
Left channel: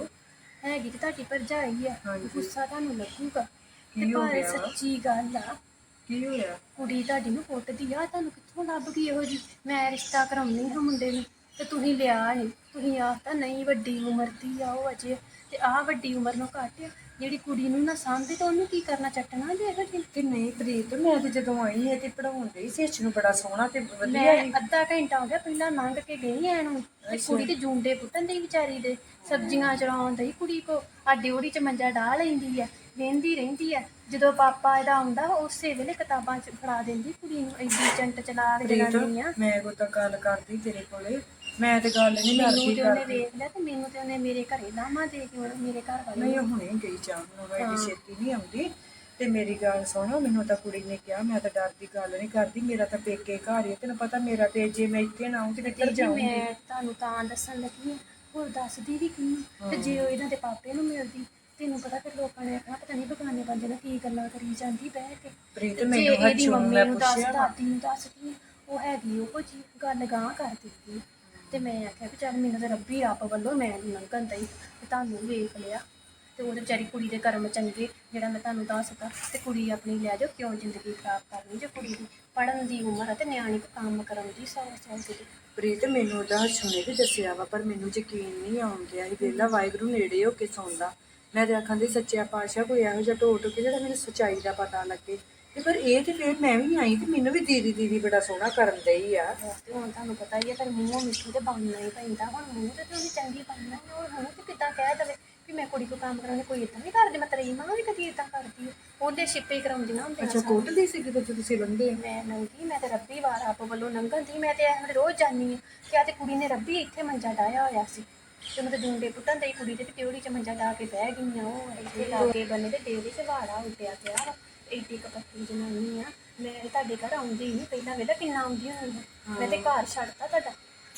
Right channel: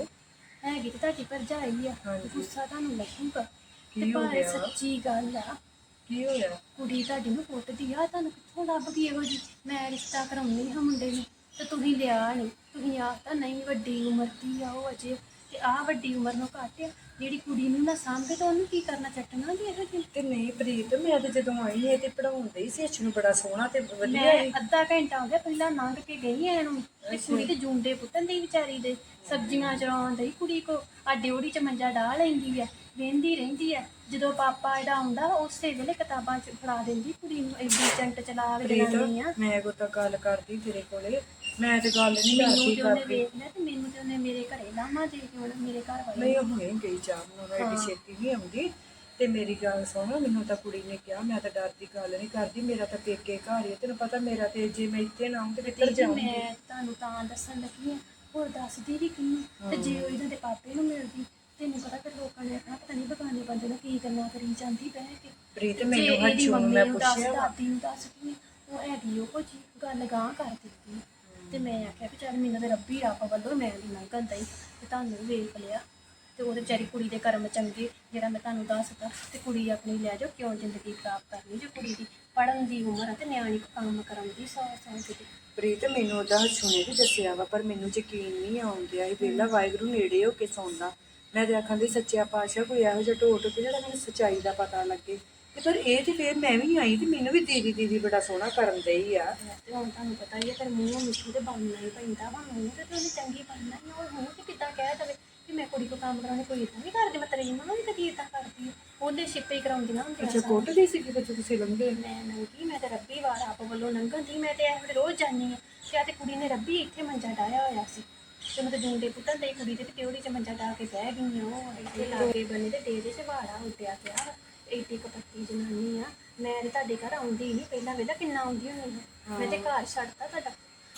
ਹੈਗੀ ਤੇ ਤੁਹਾਡੀ ਭਰਜਾਈ ਆ। ਹਾਂਜੀ। ਗੁੱਸਾ ਤੁਹਾਨੂੰ ਲੱਗੂਗਾ। ਤੇ ਕੀ ਹੋ ਪਰ ਗਿਆ? ਸੱਚੀ ਗੱਲ ਆ ਕੀ ਹੋਇਆ ਕੁੜੀ ਤੁਹਾਡੀ ਨੂੰ ਕੁੱਟਦੀ ਆ ਤੁਹਾਨੂੰ ਕਿੱਥੋਂ ਲੱਭ ਗਈ ਇਹੋ ਜੀ ਮੈਂ ਰਿਸ਼ਤਾ ਕਰਾਉਣੀ ਹਾਂ ਮੁੰਡੇ ਨੂੰ ਤੇ ਤੁਸੀਂ ਲਿਆ ਨਹੀਂ ਤੁਸੀਂ ਆਖਤਾ ਨਹੀਂ ਵੱਡੀ ਉਮਰ ਦੀ ਆ ਉਹ ਅਜੇ। ਤੇ ਆ ਵੱਡੀ ਉਮਰ ਨੂੰ ਘੱਟ ਆ। ਜਿਹੜੀ ਕੁੜੀ ਨੂੰ ਨਾ ਸਾਂਭੇ ਤਾਂ ਉਹਨੂੰ ਕੀ ਕਰਨਾ ਚੱਟਣਾ ਜੇ ਇਹੋ ਜੀ ਤੇ ਨਹੀਂ ਪ੍ਰੀਤ ਮੈਂ ਤੇ ਜਦੋਂ ਆਈ ਇਹ ਤੇ ਪੜਾਉਣ ਡਈ ਸੀ ਅੱਛ ਨੂੰ ਬੜਾ ਸੋਹਣਾ ਤੇ ਵਧੀਆ ਮੈਂ ਅੱਧਾ ਘੰਟਾ ਹੋ ਗਿਆ ਪਹਿਲਾਂ ਲੰਘ ਕੇ ਗਈ ਐ ਨੂੰ ਤੇ ਕੁੜੀ ਤੇ ਜੂੰਡੇ ਪੁੱਟਣ ਦੀ ਵਿਚਾਰੀ ਦੇ ਸਬਜ਼ੀਆਂ ਚਰਾਉਣ ਦੀ ਕੁੜੀ ਕੋ ਆ ਡਿਉੜੀ ਚ ਮੰਜਾ ਢਾ ਲੈਂਦੀ ਆ ਵੇਂਦੀ ਰਹਿੰਦੀ ਆ ਜਦੋਂ ਪਾਪਾ ਇਹਦਾ ਆਉਂਦਾ ਉਸੇ ਵੇਲੇ ਕਿਤਾਬਾਂ ਚ ਫੜਾ ਦਿੰਦੀ ਕੁੜੀ ਨੂੰ ਐਡੀ ਚੰਟ ਚਲਾਕ ਜਨਾਨੀ ਆ। ਮੈਂ ਕੋ ਤਾਂ ਗੱਲ ਕਰਦੀ ਤੇਰੇ ਕੋਲੇ ਮੈਂ ਤੇ ਗੱਲ ਨਹੀਂ ਮੈਨੂੰ ਕਰਦੀ ਤੇ ਉਹਨੇ ਕਰਦੀ। ਵੇਖ ਲਿਆ ਤੇ ਮੈਨੂੰ ਤੇ ਉਹਨੇ ਮੇਰੇ ਘਰੇ ਲਾਮਾ ਦੇ ਕੇ ਹੁਣ ਮੇਰੇ ਘਰ ਵਾਲੇ ਨਹੀਂ ਉਹ ਹੁਣੇ ਗਈ ਚਾਹ ਨੂੰ ਐਡੀ ਛੇਤੀ ਨਹੀਂ ਆਉਂਦੀ। ਤੇ ਮੇਰੀ ਗੱਲ ਸੁਣ ਮੈਨੂੰ ਤਾਂ ਕੁੜੀ ਨੇ ਕਿਹਾ ਮੈਂ ਤਾਂ ਡਰ ਦੀ ਗੱਲ ਨਹੀਂ ਕਰਦੀ ਮੇਰਾ ਤਾਂ ਪੇਕੇ ਘਰ ਹੀ ਹੈ ਤੈਨੂੰ ਪਤਾ ਮੇਰਾ ਤੇ ਜੇ ਮੈਂ ਇੱਥੇ ਨਾ ਆਉਂ ਤੇ ਕਿੱਧਰ ਜਾਊਂਗੀ ਮੈਂ ਤੁਹਾਨੂੰ ਤਾਂ ਦੱਸਣ ਲੱਗੀ ਆ ਹੋਰ ਦੱਸਦੀ ਵੀ ਕਿੰਨੂੰ ਤੇ ਜੇ ਉਹ ਇਹਨਾਂ ਦੇ ਪਾਪੇ ਨੂੰ ਮਿਲਦੀ ਤੈਨੂੰ ਪਤਾ ਫਿਰ ਲੋਕਾਂ ਨੇ ਆਖਣਾ ਪਤਾ ਨਹੀਂ ਬਗਾਨੇ ਬੰਦੇ ਨਾਲ ਕੀ ਗੱਲਾਂ ਕਰੀ ਜਾਂਦੀ ਬਹਿ ਕੇ। ਪ੍ਰੀਤ ਜੇ ਮੈਨੂੰ ਇਹਦੀ ਹੱਥੋਂ ਮੰਮੀ ਮੈਂ ਨੂੰ ਦੱਸ ਪੁੱਛਿਆ ਵਾ। ਦਾਦੀ ਨੂੰ ਦੱਸਦੀ ਆ, ਉਹ ਹੈਗੀ ਉਹ ਜੀ ਗੱਲ ਗਾਂ ਕਰ ਦਿੱਤੀ ਤੇ ਮੈਂ ਆਖਿਆ ਵੀ ਚੱਲ ਮੈਨੂੰ ਤੇ ਰੱਬੀ ਰੱਬ ਵੱਲੋਂ ਮੈਂ ਨੀ ਲੰਘਣ ਦਈ ਤੇ ਤੁਹਾਨੂੰ ਵੇਖ ਲਿਆ। ਤੇ ਉਹਦੇ ਵਿਚਾਰੀ ਕੁੜੀ ਦੇ ਕਰਮ ਚੰਗੇ ਜਿਹੜਾ ਮੈਂ ਤੁਹਾਨੂੰ ਦੱਸਦਾ ਤੇ ਕੁੜੀ ਆਪਣੀ ਲੈ ਜਾਓ, ਕਿਉਂ ਜ਼ਿੰਦਗੀ ਖਰਾਬ ਕਰਨੀ ਜੇ ਕੁੜੀ ਦੀ? ਪੜਨ ਦੀ ਉਮਰ ਹੈ ਤੇ ਨਿਆਣੀ ਕੰਮ ਕਰਨ ਦੀ ਸੌ ਸੌ ਕਿਤੇ ਪ੍ਰੀਤ, ਮੈਨੂੰ ਉਹਦਾ ਹੱਸੂਨੇ ਵੀ ਦੱਸਿਆ ਵਾ, ਪਰ ਮੈਨੂੰ ਯਕੀਨ ਨਹੀਂ ਆਉਂਦਿਆ ਇਹ ਵੇਲਾ ਵਾਹਿਗੁਰੂ ਨੇੜੇ ਹੋ ਕੇ ਸੌਂਦਾ। ਮੈਂ ਤੇ ਆਖਾਂ ਦੀ ਸੱਚਿਆ ਪਾਤਸ਼ਾਹ ਕੋਈ ਇਹੋ ਜਿਹਾ ਢੋਟ ਕੇ ਜਿਹੜਾ ਮੈਨੂੰ ਸੱਚਾਈ ਦਾ ਪਤਾ ਲੱਗੇ। ਤੇ ਪਰ ਇਹ ਤੇ ਫੇਰ ਮੈਂ ਵੀ ਆਈ ਤੇ ਮੈਨੂੰ ਵੀ ਦੀਦੀ ਦੀਦੀ ਬੜਾ ਸੋਹਣਾ ਕਰਨ ਦਈ ਆ। ਤੇ ਹੁਣ ਤੁਹਾਨੂੰ ਪਤਾ ਹੀ ਹੈ ਫਿਰ ਮੂੰਹੋਂ ਮਿੱਠੂ ਤੇ ਬਣਨਾ ਹੀ ਪੈਂਦਾ। ਹੁਣ ਮੂੰਹ ਤੇ ਤੇ ਉਹਨੇ ਚੰਗੀ ਬਣਨਾ ਹੀ ਆ, ਹੁਣ ਮੂੰਹ ਤੇ ਕਿੱਦਾਂ ਕਹਿ ਦਵੇ ਕਿ ਮੈਂ ਕੁੜੀ ਕੋ ਕੰਮ ਕਰਾਉਣੀ ਕੋਈ ਇਦਾਂ ਵੀ ਕਰਦੀ ਮੈਂ ਤੇਰੀ ਮਾਂ ਵੀ ਕਦੀ ਇਦਾਂ ਕਰਦੀ ਆ। ਉਹਦੇ ਛਿੱਪੇ ਹੀ ਕਰਾਉਂਦੀਆਂ ਹੁੰਦੀਆਂ ਅੱਛਾ ਕੋਟ ਲਈ ਸੀ ਕਿ ਤੁਸੀਂ ਲੰਘੇ? ਮੈਂ ਨੰਗੀ ਮੈਂ ਤੇ ਰੱਬੀ ਵਾਰ ਆਪ ਵੱਲੋਂ ਲੰਘਣ ਦੀ ਮੈਂ ਤੇ ਇਹ ਰੋਜ਼ ਜਾਨੀ ਆ। ਕਿ ਆ ਤੇ ਕੁੜੀ ਨੇ ਰੱਬੀ ਇੱਥੇ ਮੰਜਾ ਡਾਇਆ ਹੋਇਆ ਸੀ। ਤੇ ਮੈਂ ਤੇ ਜੂੰਡੇ ਪੁੱਟਣ ਦੇ ਕੁੜੀ ਦੇ ਤੇ ਕਿਉੜੀ ਚ ਮੰਜਾ ਡਾ ਕੇ ਬਹਿ ਗਈ ਆ ਉਹ ਇੱਥੇ ਲਾਗੇ ਬੰਨੇ ਤੇ ਡੇਰੇ ਚ ਵਾੜਾ ਉੱਟਿਆ ਪਿਆ ਵਾ। ਏਡੀ ਕਪੱਤੀ ਜਨਾਨੀ ਆ। ਮੈਂ ਤੇ ਤੁਹਾਡੇ ਘਰ ਆਉਂਦੀ ਨਹੀਂ ਪਹਿਲਾਂ ਵੇਲਾ ਕਿੰਨਾ ਆਉਂਦੀ ਹੁੰਦੀ ਸੀ ਮੈਂ ਤੇ ਘਰ ਛੱਡਤਾ ਤੁਹਾਡਾ।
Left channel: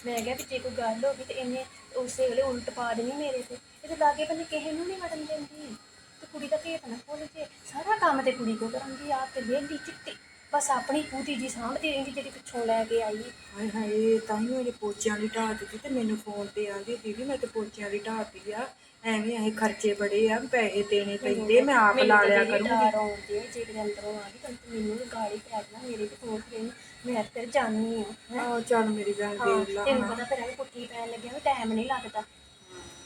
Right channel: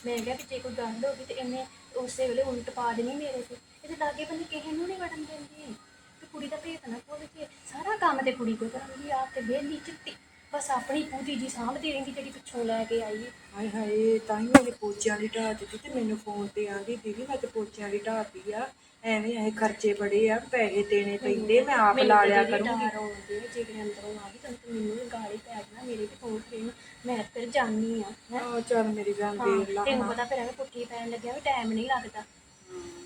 ਮੈਂ ਕਿਹਾ ਵੀ ਜੇ ਕੋਈ ਗੱਲ ਹੋ ਗਈ ਤੇ ਇਹਨੇ ਉਸੇ ਵੇਲੇ ਉਲਟ ਪਾ ਦੇਣੀ ਮੇਰੇ ਤੇ। ਇਹਦੇ ਲਾਗੇ ਬੰਨੇ ਕਿਸੇ ਨੂੰ ਨਹੀਂ ਵੜਨ ਦਿੰਦੀ। ਤੇ ਕੁੜੀ ਦਾ ਭੇਤ ਨਾ ਖੋਲ ਜੇ। ਸਾਰਾ ਕੰਮ ਤੇ ਕੁੜੀ ਕੋ ਕਰਾਂਗੀ, ਆਪ ਤੇ ਵਿਹਲੀ ਚਿੱਟੀ। ਬਸ ਆਪਣੀ ਪੂਤੀ ਜੀ ਸਾਂਭਦੀ ਰਹਿੰਦੀ ਜਿਹੜੀ ਪਿੱਛੋਂ ਲੈ ਕੇ ਆਈ। ਹਾਏ ਹਾਏ, ਤਾਂ ਹੀ ਉਹਨੇ ਪੋਚਿਆਂ ਦੀ ਢਾਹ ਦਿੱਤੀ ਤੇ ਮੈਨੂੰ ਫੋਨ ਤੇ ਆਂਦੀ ਦੀਦੀ ਮੈਂ ਤੇ ਪੋਚਿਆਂ ਦੀ ਢਾਹਤੀ ਆ। ਐਵੇਂ ਇਹ ਖਰਚੇ ਬੜੇ ਆ ਪੈਸੇ ਦੇਣੇ ਪੈਂਦੇ ਮੈਂ ਆਪ ਲਾ ਲਿਆ ਕਰੂੰਗੀ। ਜੇ ਕਿਤੇ ਅੰਦਰੋਂ ਆ ਗਈ ਤਾਂ ਮੈਨੂੰ ਵੀ ਗਾਲੀ ਪੈ ਜਾਣਾ ਮੇਰੇ ਵੀ ਤੋਂ ਗਈ ਮੈਂ ਫਿਰ ਜਾਨੀ ਆ ਆਹ ਚੱਲ ਮੇਰੀ ਗੱਲ ਹਾਂ ਵੇਖ ਲਾ ਤੈਨੂੰ ਪਤਾ ਫਿਰ ਐਵੇਂ ਪੁੱਠੀ ਪੈਣ ਲੱਗਿਆ ਵੀ ਟਾਈਮ ਨਹੀਂ ਲੱਗਦਾ।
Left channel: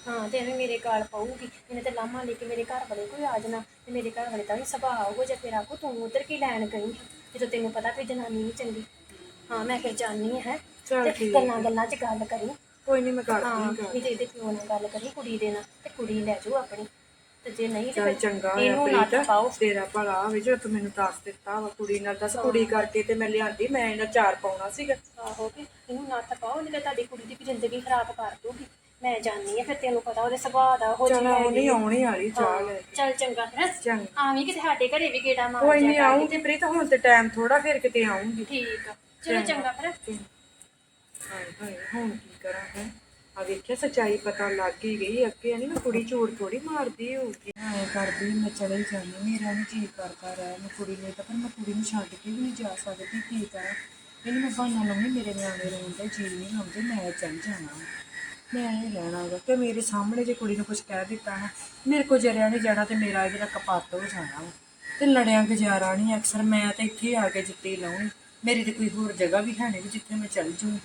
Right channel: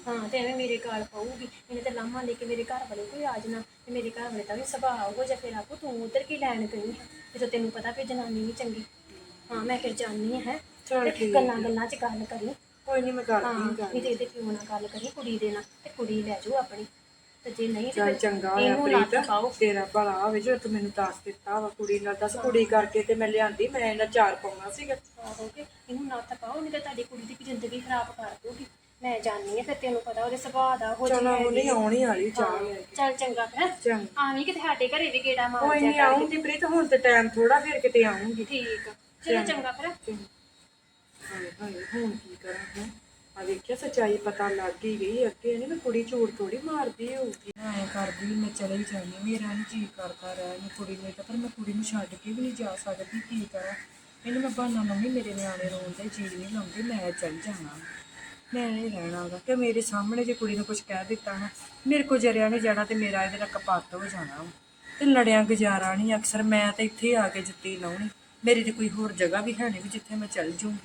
ਹਾਂ ਤੇ ਐਵੇਂ ਮੇਰੇ ਗਾਲ ਪਾਊਗੀ ਇਹਨੇ ਤੇ ਲਾਮਾ ਲੈ ਕੇ ਮੇਰੇ ਘਰ ਵਾਲੇ ਕੋਈ ਆ ਜਾਣਾ ਤੇ ਮੇਰੇ ਘਰ ਵਾਲੇ ਤਾਂ ਵੀ ਸੁਭਾਅ ਉਹ ਜਿਹਾ ਤੇਰਾ ਕੋ ਤੂੰ ਉਧਰ ਕੀ ਲੈਣ ਗਈ? ਜਦੋਂ ਤੈਨੂੰ ਪਤਾ ਵੀ ਜਨਾਨੀ ਨਹੀਂ ਚੰਗੀ। ਹਾਂ ਮੈਂ ਫਿਰ ਆ ਹੈ। ਚੱਲ ਤੇ ਗੱਲਾਂ ਗੱਲਾਂ 'ਚ ਗੱਲ ਕਰੀ। ਕੋਈ ਨਹੀਂ ਮੈਂ ਹਾਂ ਕਰਦੀ ਗੱਲ। ਨਹੀਂ ਤੇ ਇਹਦੇ ਪਿਓ ਨਾਲ ਗੱਲ ਕਰੀ ਕੁੜੀ ਦੇ ਨਾਲ ਤੇ ਕੁੜੀ ਲੈ ਜਾਓ ਆਪਣੀ। ਤੇ ਜੇ ਨਹੀਂ ਤੇ ਚੱਲ ਫਿਰ ਚੰਗਾ ਇਹਨੂੰ ਨਾ ਪਾਓ ਤੇਰਾ ਭਲਾ ਹੋਵੇ ਜੇ ਤੂੰ ਮੈਨੂੰ ਦੱਸ ਦਿੱਤਾ ਵਾ ਕੁੜੀ ਨਾਲ। ਦੱਸ ਕੁੜੀ ਕਰਕੇ ਤੇ ਮੈਂ ਲਿਆਂਦੀ ਮੈਂ ਇਹਨਾਂ ਚਾਰ ਪਾਉਣਾ ਸੀਗਾ। ਆਹੋ ਕਿ ਇਹਨੂੰ ਨੱਥ ਪਾਓ ਨਹੀਂ ਤੇ ਤੁਹਾਡੀ ਕੁੜੀ ਦੀ ਜ਼ਿੰਦਗੀ ਖਰਾਬ ਕਰ ਦੂਗੀ ਮੈਂ ਜਾਣੀ ਆ ਫਿਰ ਤੈਨੂੰ ਪਤਾ ਉਹਦੇ ਸੁਭਾਅ ਦਾ ਉਹ ਚਲ ਜਿਹਾ ਉਹ ਨਹੀਂ ਆਉਣੀ ਵਾਲੀ ਚਾਹ ਲੈ ਕੇ। ਚੱਲ ਚੰਗਾ ਹੈ। ਚੰਗਾ। ਆਵੀਂ ਕਿ ਸਾਡੇ ਘਰੇ ਵੀ ਗੇੜਾ ਮਾਰ ਕੋਈ ਨਹੀਂ ਜਾ ਕਰ ਆਉਂਗੀ ਪ੍ਰੀਤ ਹੁਣ ਤੇ ਟਾਈਮ ਥੋੜਾ ਫਿਰ ਕਿਤੇ ਆਉਂਗੀ ਠੀਕ ਆ। ਚਲੋ ਚੰਗਾ। ਫਿਰ। ਹਾਏ ਹਾਏ ਹੁਣ ਕੀ? ਕਰਾਂ ਹੈ। ਆ ਵੇਖਿਆ, ਸਚਾਈ ਪਤਾ ਲੱਗ ਹੀ ਗਈ, ਅੱਗੇ ਨਹੀਂ ਮੈਂ ਕੁੜੀ ਝੂਠ ਥੋੜੀ ਮਾਰਦੀ ਹੋਊਗੀ। ਐਂ ਕਰਦੀ, ਮੈਂ ਚਲੇ ਹੀ ਜਾਣੀ ਮੇਰਾ ਨਹੀਂ ਜੀ ਕਰਦਾ ਰਹਿ, ਮੈਂ ਕੁੜੀ ਨੇ ਤਾਂ ਪਰ ਮੈਂ ਕੁੜੀ ਨੂੰ ਛੱਡ ਕੇ ਵੀ ਨਹੀਂ ਜਾ ਸਕਦੀ, ਕੀ ਕਰਾਂ? ਇਹਨੂੰ ਮੈਂ ਬਹਾਨਾ ਲਾਉਂਦੀ, ਮੇਰੇ ਨਿਆਣੇ ਰੋਣ ਦਾ ਜੀ ਨਹੀਂ ਲਾਉਂਦੇ, ਮੈਂ ਚੱਲ ਜਾਣਾ। ਮੈਂ ਨਹੀਂ ਰਹਿਣਾ ਕਿ ਮੇਰੇ ਸਾਹਮਣੇ ਜੇ ਕੁੜੀ ਨੂੰ ਕੁਝ ਕਹਿ ਦਿੱਤਾ ਨਾ, ਮੇਰੇ ਕੋ ਜਰਿਆ ਨਹੀਂ ਜਾਣਾ ਤੇ ਮੇਰਾ ਇਹਦੇ ਨਾਲ ਕਪੱਤ ਹੋ ਜਾਣਾ ਵਾ। ਤੇ ਲੜਿਆ ਗੁਜ਼ਾਰਾ ਨਹੀਂ ਅਕਸਰ ਮੈਂ ਤਾਂ ਇੱਥੇ ਆ ਕੇ ਜੁੱਤੀ ਲਾਉਣੀ। ਮੇਰੀ ਤੇ ਕੋਈ ਹੋਰ ਜਗ੍ਹਾ ਵੀ ਹੈ ਨਹੀਂ ਵੀ ਜਿੱਥੇ ਮੈਂ ਚੱਲ ਜੂੰ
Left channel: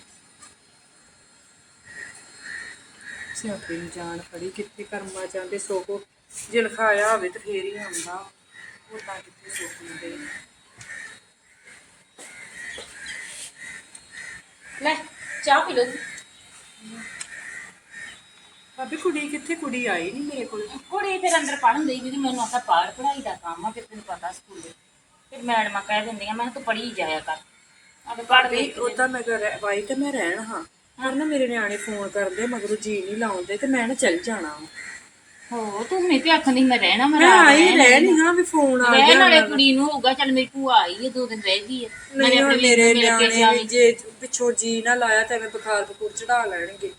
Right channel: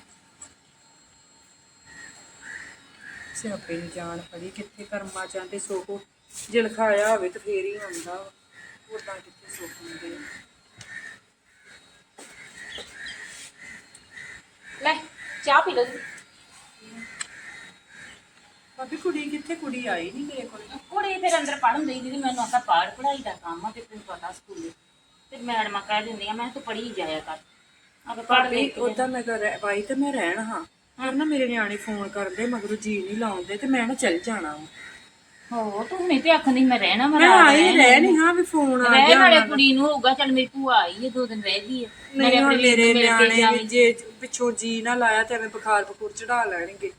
ਸਿਆਪੇ ਨੂੰ ਜਾਣ ਫੜੀ ਕਿੱਥੇ ਕਰਮਾ ਚਾਹੁੰਦੇ ਸੋਕੋ ਜੇ ਲਿਖਾਇਆ ਹੋਵੇ ਤਾਂ ਫੇਰ ਹੀ ਆਉਂਦਾ। ਉਦਾਂ ਕਿੱਥੇ ਸੁੱਖ ਹੁੰਦੇ? ਲੈ ਚਾਹ ਪੀ ਲਓ। ਭਾਬੀ ਕੁੜੀ ਕਿੱਥੇ? ਕੁੜੀ ਆਈ ਨਹੀਂ ਮੇਰੇ ਕੋਲ। ਕੁੜੀ ਫਿਰ ਅੰਦਰ ਪੜਨ ਲਈ ਦੀਦੀ ਮੈਨੂੰ ਆਖਿਆ ਪਾੜ ਪੜਾਈ ਦਾ ਕੰਮ ਆ ਤੇ ਤੈਨੂੰ ਪਤਾ ਸਕੂਲੇ। ਤੇ ਮੈਡਮਾਂ ਕਹਿ ਦਿੰਦੀਆਂ ਮੈਂ ਤੂੰ ਪੜ੍ਹੀ ਜਾਇਆ ਕਰ। ਭਾਬੀ ਲਿਖ ਕੇ ਉਦਾਂ ਮੈਂ ਕਰ ਵਾਈ ਤੇ ਮੈਂ ਰਹਿਣ ਹਾਂ। ਪਰ ਨਾ ਮੇਰੇ ਨਿਆਣੇ ਫੋਨ ਕਰਦੇ ਮਗਰੋਂ ਜੀ ਨਹੀਂ ਲਾਉਂਦੇ ਤੇ ਮੈਂ ਨਾ ਚੱਲ ਜਾਣਾ ਵਾ। ਹੋ ਤੂੰ ਨਹੀਂ ਤੇ ਆਖਣ ਦੀ ਮੈਂ ਰਹਿਣਾ ਮੈਂ ਮੈਂ ਰਾਤ ਆਈ। ਰਹਿ ਨਹੀਂ। ਹਾਂ ਵੀ ਫੋਨ ਆ ਰਹਿਣ ਗਿਆ ਵਾਲੇ ਕੁੜੀ ਨੂੰ ਹੋਊਗਾ ਚੱਲ ਮੇਰੀ ਭੂਆ ਆਈ ਹੈ ਦੋ ਦਿਨ ਰਹਿ ਗਈ ਹੈ ਨਹੀਂ ਹੁਣ ਮੇਰੇ ਨਿਆਣੇ ਵੀ ਜੇ ਪਿੱਛੋਂ ਜੀ ਨਾ ਲਾਇਆ ਤੇ ਐਵੇਂ ਬੁਖਾਰ ਬਖੂਰ ਚੜਾ ਲੈਣਗੇ।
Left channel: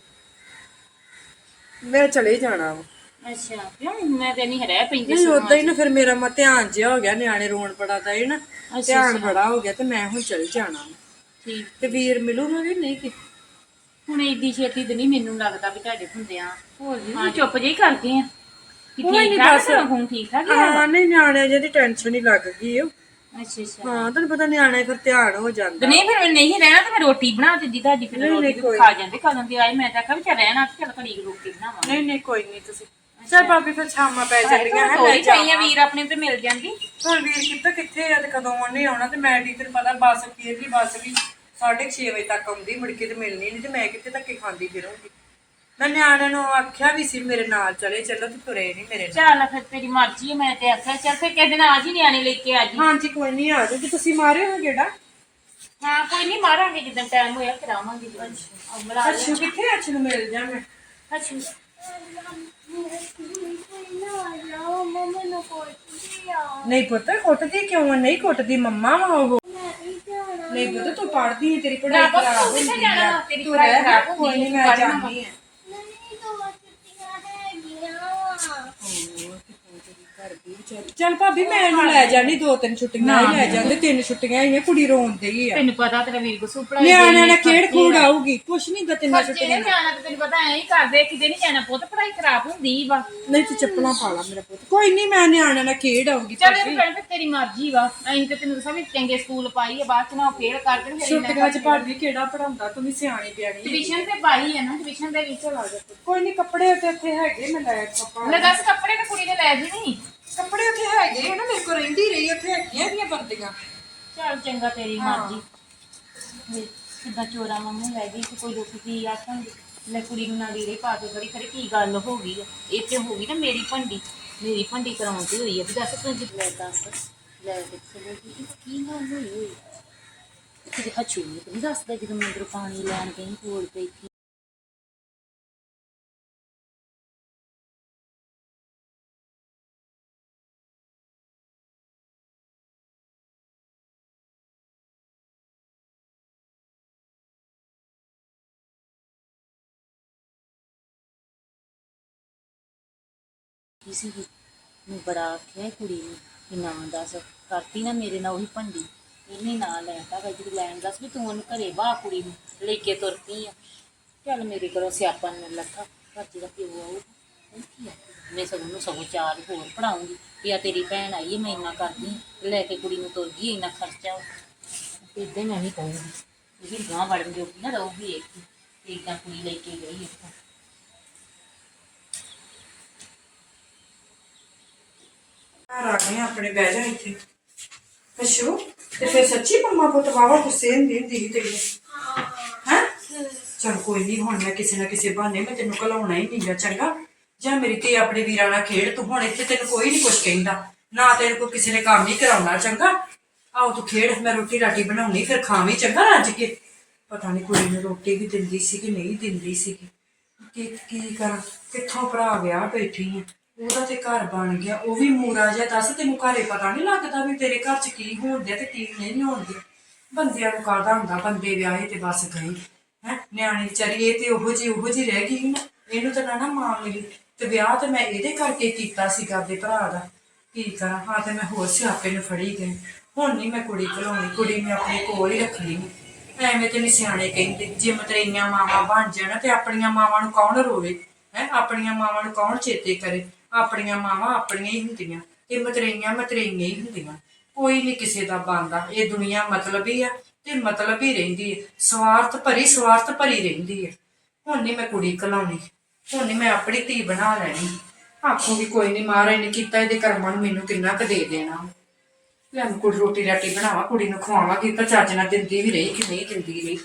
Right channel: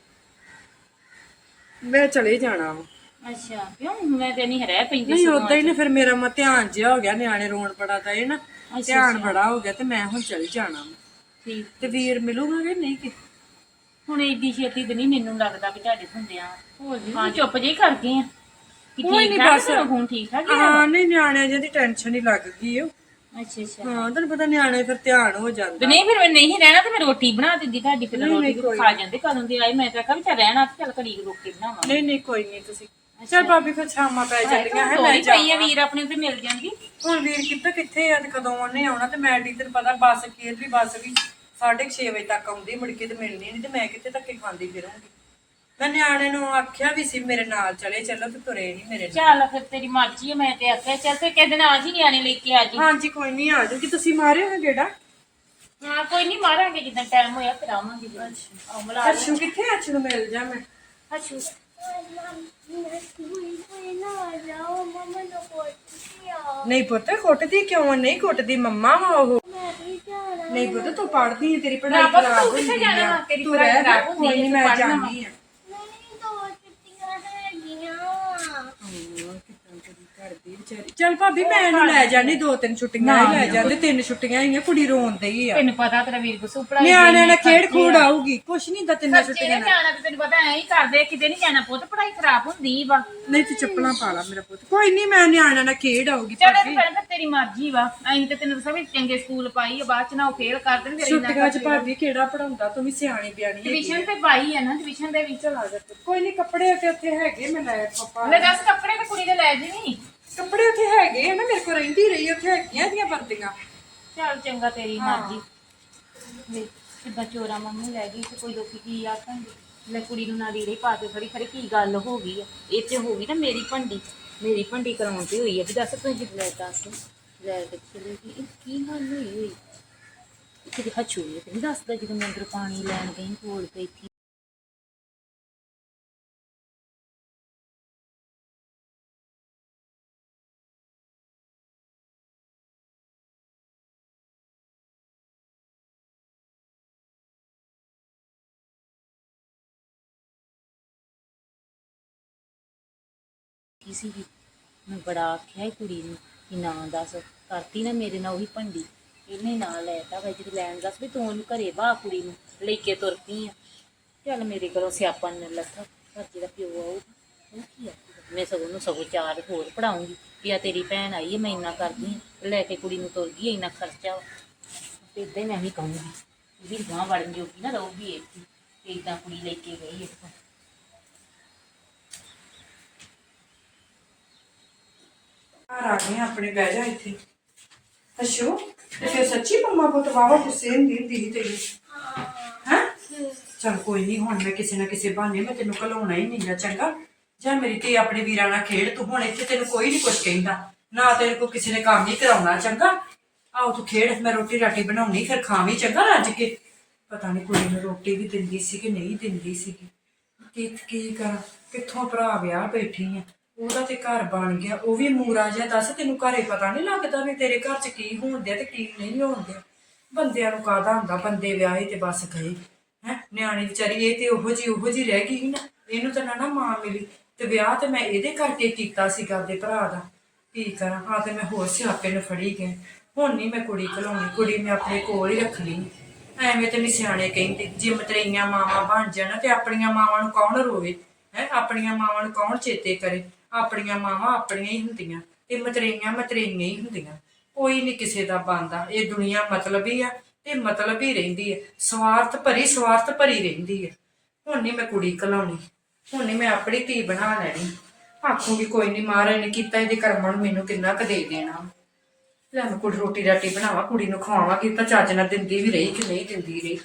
ਮੈਂ ਚਲੇ ਜਾਣਾ ਵਾ। ਅੱਛਾ ਕਿਉਂ ਮੈਂ ਤੇ ਨਹੀਂ ਰਹਿ ਪੈਂਦੀ ਨਹੀਂ ਉਦਾਂ ਹੀ ਨਾ ਫਿਰ ਮੇਰਾ ਮ ਧਿਆਨ ਜਿਹਾ ਹੋ ਗਿਆ ਨਿਆਣੇ ਰੋਣ ਬੜਾ ਤਾਂ ਇਹ ਨਾ। ਧਿਆਨ ਬੜਾ ਹੋ ਗਿਆ ਤੇ ਮੈਂ ਹੁਣ ਚੱਲ ਜਾਣਾ ਵਾ। ਠੀਕ। ਤੇ ਵੀਰ ਮਿਲੂਗਾ ਕਿ ਨਹੀਂ? ਕਿ ਹੁਣ ਏਡੀ ਛੇਤੀ ਤੇ ਨਹੀਂ ਮੈਨੂੰ ਲੱਗਦਾ ਵੀ ਤੁਹਾਡੇ ਹੁੰਦੇ ਆ ਹੋਰ ਜੀ। ਹਾਂ ਚੁੱਪ ਜਿਹੀ ਕਰ ਗਏ ਆ। ਕਿ ਠੀਕ ਠਾਕ ਹੁਣ ਠੀਕ ਠਾਕ ਹੈ ਹਾਂ ਨਹੀਂ ਨਿਆਣਿਆਂ ਜਿਹੀ ਟੈਨਸ਼ਨ ਹੀ ਲੱਗ ਗਈ ਉਹ ਅੱਛਾ ਅੱਛਾ। ਹਾਂ ਤੈਨੂੰ ਪਤਾ ਨਿਆਣੇ ਫਿਰ ਧਿਆਨ ਹੋ ਜਾਂਦਾ। ਤੇ ਨਹੀਂ ਫਿਰ ਮੈਂ ਨਹੀਂ ਰਹਿਣਾ ਤੇ ਮੈਂ ਰੋਟੀ ਬਣਾ ਦਿੰਦੀ ਤੁਹਾਡੀ ਫਿਰ ਰੋਟੀ ਵੀ ਖਾ ਜਾਂਦੇ ਕਦੋਂ ਦੀ ਆਈ ਮੈਂ ਤਾਂ ਕਿਹਾ ਵੀ ਚੱਲ ਰਹਿਣਾ ਤੇ ਚੱਲ ਘੜੀ ਕੁ ਰੋਕ ਕੇ ਬਣਾਵਾਂ। ਨਹੀਂ ਨਹੀਂ ਕੋਈ ਨਹੀਂ ਤੁਸੀਂ। ਚੱਲ ਭਾਬੀ ਫਿਰ ਸ਼ਾਮਾਂ ਪੈ ਜਾਂਦੀਆਂ ਹੈ ਥੋੜੀ ਪਈਆਂ ਵੀਰ ਆਪਣੇ ਤੇ ਮਿਲ ਜਾਂਦੀ। ਹੁਣ ਵੀਰ ਕਿੱਥੇ ਕਿੱਥੇ ਆ ਤੇ ਕਦੋਂ ਉਹਨੇ ਆਉਣਾ ਤੇ ਮੈਂ ਪਤਾ ਬੱਸ ਵੀ 6:30 ਵਜੇ ਤੱਕ ਆਉਂਦੀ ਮੁੜ ਕੇ ਤੇ ਮਿਲਣੀ ਨਹੀਂ ਤੇ ਮੈਂ ਕਿੱਥੇ ਧੱਕੇ ਖਾਂਦੀ ਫਿਰੂੰਗੀ। ਮੈਂ ਨਿਆਣੇ ਨੂੰ ਆਖਿਆ ਵੀ ਸੀ ਮੇਰੇ ਨਾਲ ਚਲੇ ਚੱਲੋ ਤੇ ਤੁਰੇ ਨਹੀਂ ਮੇਰੇ ਨਾਲ। ਚੱਲ ਫਿਰ ਤੇਰੀ ਮਰਜ਼ੀ ਹੈ ਮੈਂ ਤੇ ਆਖਿਆ ਚੱਲ ਫਿਰ ਕਿਸੇ ਦਿਨ ਆ ਜੀ ਨਿਆਣੇ ਲੈ ਕੇ ਆ ਜੀ। ਹਾਂਜੀ ਕੋਈ ਨਹੀਂ ਆ ਜਾਓ ਕਿ ਤੁਸੀਂ ਮਾਰਿਓ ਨਾ ਗੇੜਾ? ਹਾਂ ਕੋਈ ਨਹੀਂ ਮਾਰਾਂਗੇ ਜਿੱਦਾਂ ਟਾਈਮ ਹੋਇਆ ਫਿਰ ਆਵਾਂਗੇ ਜੀ ਮਿਲਾ ਅੱਛੂ ਕਿੱਥੇ ਅੱਛੂ ਨੂੰ ਮਿਲ ਜਾ ਮੈਂ। ਅੱਛਾ। ਨਹੀਂ ਪੁੱਤ ਕੁੱਟਦੀ ਕਿਉਂ ਆ? ਨਹੀਂ ਕੁੱਟਦੀ ਮੰਮਾ ਵਾ ਉਹ ਨਹੀਂ ਪੁੱਤ ਤੂੰ ਪੜਦੀ ਹੈ ਤੇਰੀ ਪੜ੍ਹਾਈ ਖਰਾਬ ਹੁੰਦੀ ਜਾਣਾ? ਆ। ਤੇਰੀ ਪੜ੍ਹਾਈ ਖਰਾਬ ਹੁੰਦੀ ਹੈ, ਮੈਂ ਤੂੰ ਪੜ੍ਹਨਾ ਜਾਣੀ ਆ ਚੱਲ ਭਾਬੀ ਮੈਂ ਇਹਨੂੰ ਲੈ ਜਾਣੀ ਦੋ ਤਿੰਨ ਛੁੱਟੀਆਂ ਹੀ ਲੈ ਜਾਂਦੇ ਤਿੰਨ ਛੁੱਟੀਆਂ ਹੀ ਆ ਕੁੜੀ ਰੋਂਦੀ ਆ। ਤੈਨੂੰ ਪਤਾ ਤੇਰਾ ਵੀਰ ਗੁੱਸੂ ਪੜਾਈ ਨਿਆਣਿਆਂ ਨੇ ਖੇਡ ਖੂਡ ਆਊਗੀ ਕੁਛ ਨਹੀਂ ਦਾ ਤਿੰਨਾਂ ਜਿਹੜੇ ਛੁੱਟੀਆਂ ਨਾਲ। ਨਿਆਣਾ ਤੇ ਤੈਨੂੰ ਪਤਾ ਐਂ ਹੀ ਕਰਦੇ ਕਿਤੇ ਨਹੀਂ ਜਾਣਾ ਪੁੱਤ ਪੜਾਈ ਖਰਾਬ ਹੁੰਦੀ ਵਾ। ਨਹੀਂ ਤੂੰ ਚੱਪਲਾਂ ਪਾ ਲਾ ਮੇਰਾ ਪੁੱਤ। ਕੋਈ ਨਹੀਂ ਮੈਂ ਨਿਆਣਿਆਂ ਨਾਲ ਖੇਡ ਆਊਗੀ ਚਲੋ ਭਾਬੀ। ਤੇ ਫਿਰ ਤੇਰੀ ਮਰਜ਼ੀ ਵਾ ਐਂ ਤੇ ਤੈਨੂੰ ਵੀ ਚੰਗੇ ਸਕੂਲ ਪਾਈ ਆ ਬਾਅਦ ਚ ਨਾ ਉਹ ਫੇਲ ਕਰ ਦੇਣ ਫਿਰ ਛੁੱਟੀਆਂ 'ਚ ਭਾਬੀ ਕਿਹੜਾ ਪੜਾਉਂਦਾ ਤੂੰ ਵੀ ਸਿਆਣੀ ਬਿਆਣੀ। ਟਿਊਸ਼ਨ ਤੇ ਪਾਈ ਆ ਨਾ ਟਿਊਸ਼ਨ ਦੇ ਵਿੱਚ ਲਾ ਦੇ। ਕੋਈ ਨਹੀਂ ਕੱਪੜੇ ਤੇ ਉੱਥੇ ਹੈਗੇ ਮੈਂ ਲੈ ਪਾਪਾ ਲੈ ਦੱਸ ਕੱਪੜੇ ਤਾਂ ਕੁੜੀ ਦੇ ਲੈ ਜੀ ਨਹੀਂ ਕੱਪੜੇ ਉੱਥੇ ਹੈਗੇ ਆ ਨਾ ਮੇਰੇ ਕੋਲ ਰਹਿੰਦੀ ਰਹੀ ਉੱਥੇ ਹੈਗੀਆਂ ਇਹਦੀਆਂ ਬੰਦੀਆਂ ਚੱਲ ਚੰਗਾ ਤੇਰੀ ਮਰਜ਼ੀ। ਵੇ ਕਿੱਦਾਂ ਚੋਰਾ ਮੰਮੀ ਲੈ ਗਈ ਤੇ ਕੋਈ ਲੋਕੀ ਕੀ ਆਖਣਗੇ ਲੈ ਕੁੜੀ ਨੂੰ ਨਾ ਲੀੜੇ ਪਾ ਕੇ ਖੜੀ ਖੜੀ ਕੀ ਗੱਲ ਹੋ ਗਈ ਆ? ਇਹ ਤੇ ਹੋ ਗਈ ਨਾ ਮੇਰੀ ਭੰਡੀ। ਮੇਰੀ ਭੰਡੀ ਕਰਾਉਂਦੀ ਹੋਈ ਆ। ਵੀ ਦੱਸ ਤੂੰ ਜਿੱਦ ਲੈ ਦੱਸ ਲੈ ਕੇ ਚਲੇ ਗਈ ਇਹ ਕੀ ਗੱਲ ਹੋਈ? ਹੋਈ ਕਿਤੇ ਹੱਛੂ ਤੇ ਨਹੀਂ ਦੱਸਦਾ ਜਦੋਂ ਮੈਂ ਅੰਦਰ ਪਾਣੀ ਲੈਣ ਗਈ ਕੋਲ ਪਈ ਸੀ ਕੀ ਸੀਗੀ। ਮੈਂ ਬੜਾ ਆਖਿਆ ਕੁੜੀ ਨੂੰ ਕਿ ਨਾ ਦੱਸ ਕਰਤੀ ਨਾ ਮੇਰੇ ਨਾਲ ਉਹੀ ਭੰਡੀ। ਇਹਨੇ ਨਾਂ ਲੈਤਾ ਵਾ ਜਿਹੜੀ ਲੈਣ ਦੱਸ ਵੀ ਤੂੰ ਉਹਨੂੰ ਘਰੇ ਬਾਹ ਕੁੜੀ ਨੂੰ ਲੈ ਕੇ ਤੁਰ ਪਈ ਆ। ਚੱਲ ਮੇਰੇ ਕੋਲੋਂ ਸਿਆਪਾ ਨੇ ਲੱਥਾ ਪਰ ਜਿਹੜਾ ਪਿਓ ਆਊ ਉਹ ਕੀ ਆ? ਮੈਂ ਸਗੋਂ ਨੂੰ ਸਗੋਂ ਚਾਰ ਹੋਰ ਪੜਾਉਂਗੀ ਵੀ ਆ ਤੇਰੀ ਭੈਣ ਆਈ ਹੈ ਮੈਂ ਇੰਨਾ ਕਰਦੀ ਆਂ, ਲੈ ਕੇ ਕੁੜੀ ਨੂੰ ਤੁਰ ਗਈ ਇੰਨਾ ਖਰਚਾ ਵਾ। ਹੀ ਮੈਂ ਵੀ ਕਹੂੰਗੀ ਇਹ ਵੀ ਗਾਂ ਵੜਨ ਜੋਗੀ ਨਾ ਰਹੂਗੀ ਇੱਕ ਹੀ ਤੇ ਏਦਾਂ ਕੁੜੀ ਲੈ ਕੇ ਗਈ ਇੱਥੋਂ। ਘਰ ਆ ਗਏ ਆਪਣੇ ਬਹਿ ਜਾ ਇੱਥੇ। ਅਸ਼ੂ, ਤੇ ਫਿਰ ਸੱਚੀ ਮੰਮਾ ਪੁੱਤ ਵਾਵਾ ਗੁੱਸੇ ਹੁੰਦੀ ਹੁੰਦੀ ਸੀ ਹੈ? ਚਲ ਕੋਈ ਨਹੀਂ ਹੁਣ ਮੈਂ ਕਿਸੇ ਨਾ ਕਿਸੇ ਬਹਾਨੇ ਮੈਂ ਤੈਨੂੰ ਘਲਾਉਣਾ ਹੀ ਨਹੀਂਗਾ, ਚੰਗਾ? ਜਾਂ ਮੇਰੀ ਧੀ ਆਪਣੇ ਵੀਰਾਂ ਨਾਲ ਖੇਡ, ਤੂੰ ਹੁਣ ਇੱਥੇ ਤੈਨੂੰ ਕੋਈ ਨਹੀਂ ਕੁਝ ਕਹਿੰਦਾ। ਨਾ ਤੇਰੇ ਕੋ ਕਿਸੇ ਨੇ ਕੰਮ ਨਹੀਂ ਕਰਾਉਣਾ, ਚੰਗਾ? ਆਓ ਤੂੰ ਖੇਡ, ਮੈਂ ਰੋਟੀ ਰਾਟੀ ਬਣਾਉਣੀ, ਫਿਰ ਖਾਵੀਂ, ਚੰਗਾ ਰੱਜ ਕੇ? ਪਤਾ ਨਹੀਂ ਕੁੜੀ ਨੂੰ ਰੋਟੀ ਵੀ ਦਿੰਦੀ ਸੀ ਕਿ ਨਹੀਂ ਦਿੰਦੀ ਸੀ। ਕੀ ਕੀ ਕਰਾਂ? ਕਿੱਥੋਂ ਭਰਾ ਵਿਆਹ ਬੈਠੀ ਆ? ਉਹਦਾ ਤੇ ਘਰ ਬਣ ਗਿਆ, ਉਹ ਵੀ ਮੂਰਾ ਜਿਹਾ ਦੱਸ, ਤੈਨੂੰ ਘਰੇ ਪਤਾ ਨਹੀਂ ਲੱਗਦਾ ਵੀ ਤੇਰੇ ਘਰ 'ਚ ਕੀ ਹੋਣ ਡਿਆ ਤੇ ਕੀ ਨਹੀਂ ਹੋਣ ਡਿਆ ਬੰਦਿਆਂ ਨੂੰ ਕਾਹਦਾ ਹੁੰਦਾ, ਬੰਦੇ ਵਿਆਹੇ ਤੇ ਬਸ ਗਏ। ਹੈ, ਨਿਆਣੀ ਵਿਚਾਰੀ ਇਹ ਤੇ ਉਹੋ ਜੀ ਉਹੋ ਜੀ ਰਹਿ ਗਈ ਸੀ ਨਾ, ਇਹਨੂੰ ਤਾਂ ਨਾ ਨਾ ਮਾਂ ਮਿਲੀ। ਤੇ ਵਿਆਹ ਤੇ ਮੈਂ ਇਹਦੇ ਕਰਕੇ ਕੀਤਾ ਸੀ ਕਰਦੇ ਭਰਾ ਦਾ। ਕੀ ਕਰਾਂ, ਹਾਂ ਤੇ ਮੈਂ ਹੋਰ ਸਿਆਪੇ ਨੂੰ ਫੜੀ ਗਈ। ਹੁਣ ਨਹੀਂ ਮੈਂ ਕੁੜੀ ਘਲਾਉਣੀ, ਕੁੜੀ ਮੈਂ ਆਪਣੇ ਕੋਲ ਹੀ ਰੱਖਣੀ। ਐਵੇਂ ਤੇ ਨੀ ਸਿਆਣੇ ਕਹਿੰਦੇ, ਜੇ ਮਤਰੇਈਆਂ ਮਾਵਾਂ ਬਣ ਜਾਣ ਤੇ ਆਪਣੀਆਂ ਮਾਵਾਂ ਨੂੰ ਕੌਣ ਰੋਵੇ? ਹੈ, ਆਪਣੀਆਂ ਮਾਵਾਂ ਨੂੰ ਕੌਣ ਚੇਤੇ ਕਰੇ? ਆਪਣੀਆਂ ਮਾਵਾਂ ਆਪਣੀਆਂ ਹੀ ਹੁੰਦੀਆਂ ਤੇ ਮਤਰੇਈਆਂ ਮਤਰੇਈਆਂ ਹੀ ਹੁੰਦੀਆਂ। ਕੋਈ ਨਹੀਂ ਕਿਸੇ ਦਾ ਬੰਦਾ ਇਹ ਦੁਨੀਆ ਹੀ ਆ ਤੇ ਮਤਲਬ ਹੀ ਰਹਿੰਦੀ ਹੈ ਸਵਾਰਥ ਭਰੀ ਸਵਾਰਥ ਭਰੀ ਰਹਿੰਦੀ ਹੈ ਹੁਣ ਨਹੀਂ ਮੈਂ ਕੁੜੀ ਘਲਾਉਣੀ ਹੁਣ ਨਹੀਂ ਮੈਂ ਆਪਣੀ ਧੀ ਬਣਾ ਲੈਣੀ। ਆਖੂਗੀ ਕੋਈ ਨਹੀਂ ਮਹਾਰਾਜ ਨੇ ਕੀਤਾ, ਇਹਦੇ ਕਰਮਾਂ ਨੂੰ ਮੈਨੂੰ ਕਿੰਨਾ ਕੁ ਦੇ ਦੇਣਾ। ਲੈ ਮੈਂ ਕੁੜੀ ਰੋਟੀ ਰਾਟੀ ਬਣਾਵਾਂ, ਕੁੜੀ ਨੂੰ ਖਵਾਵਾਂਗੀ, ਪਰ ਚੱਜ ਨਾਲ ਦਿੰਦੀ ਵੀ ਰਹੀ ਕਿ ਨਹੀਂ ਦਿੰਦੀ ਰਹੀ।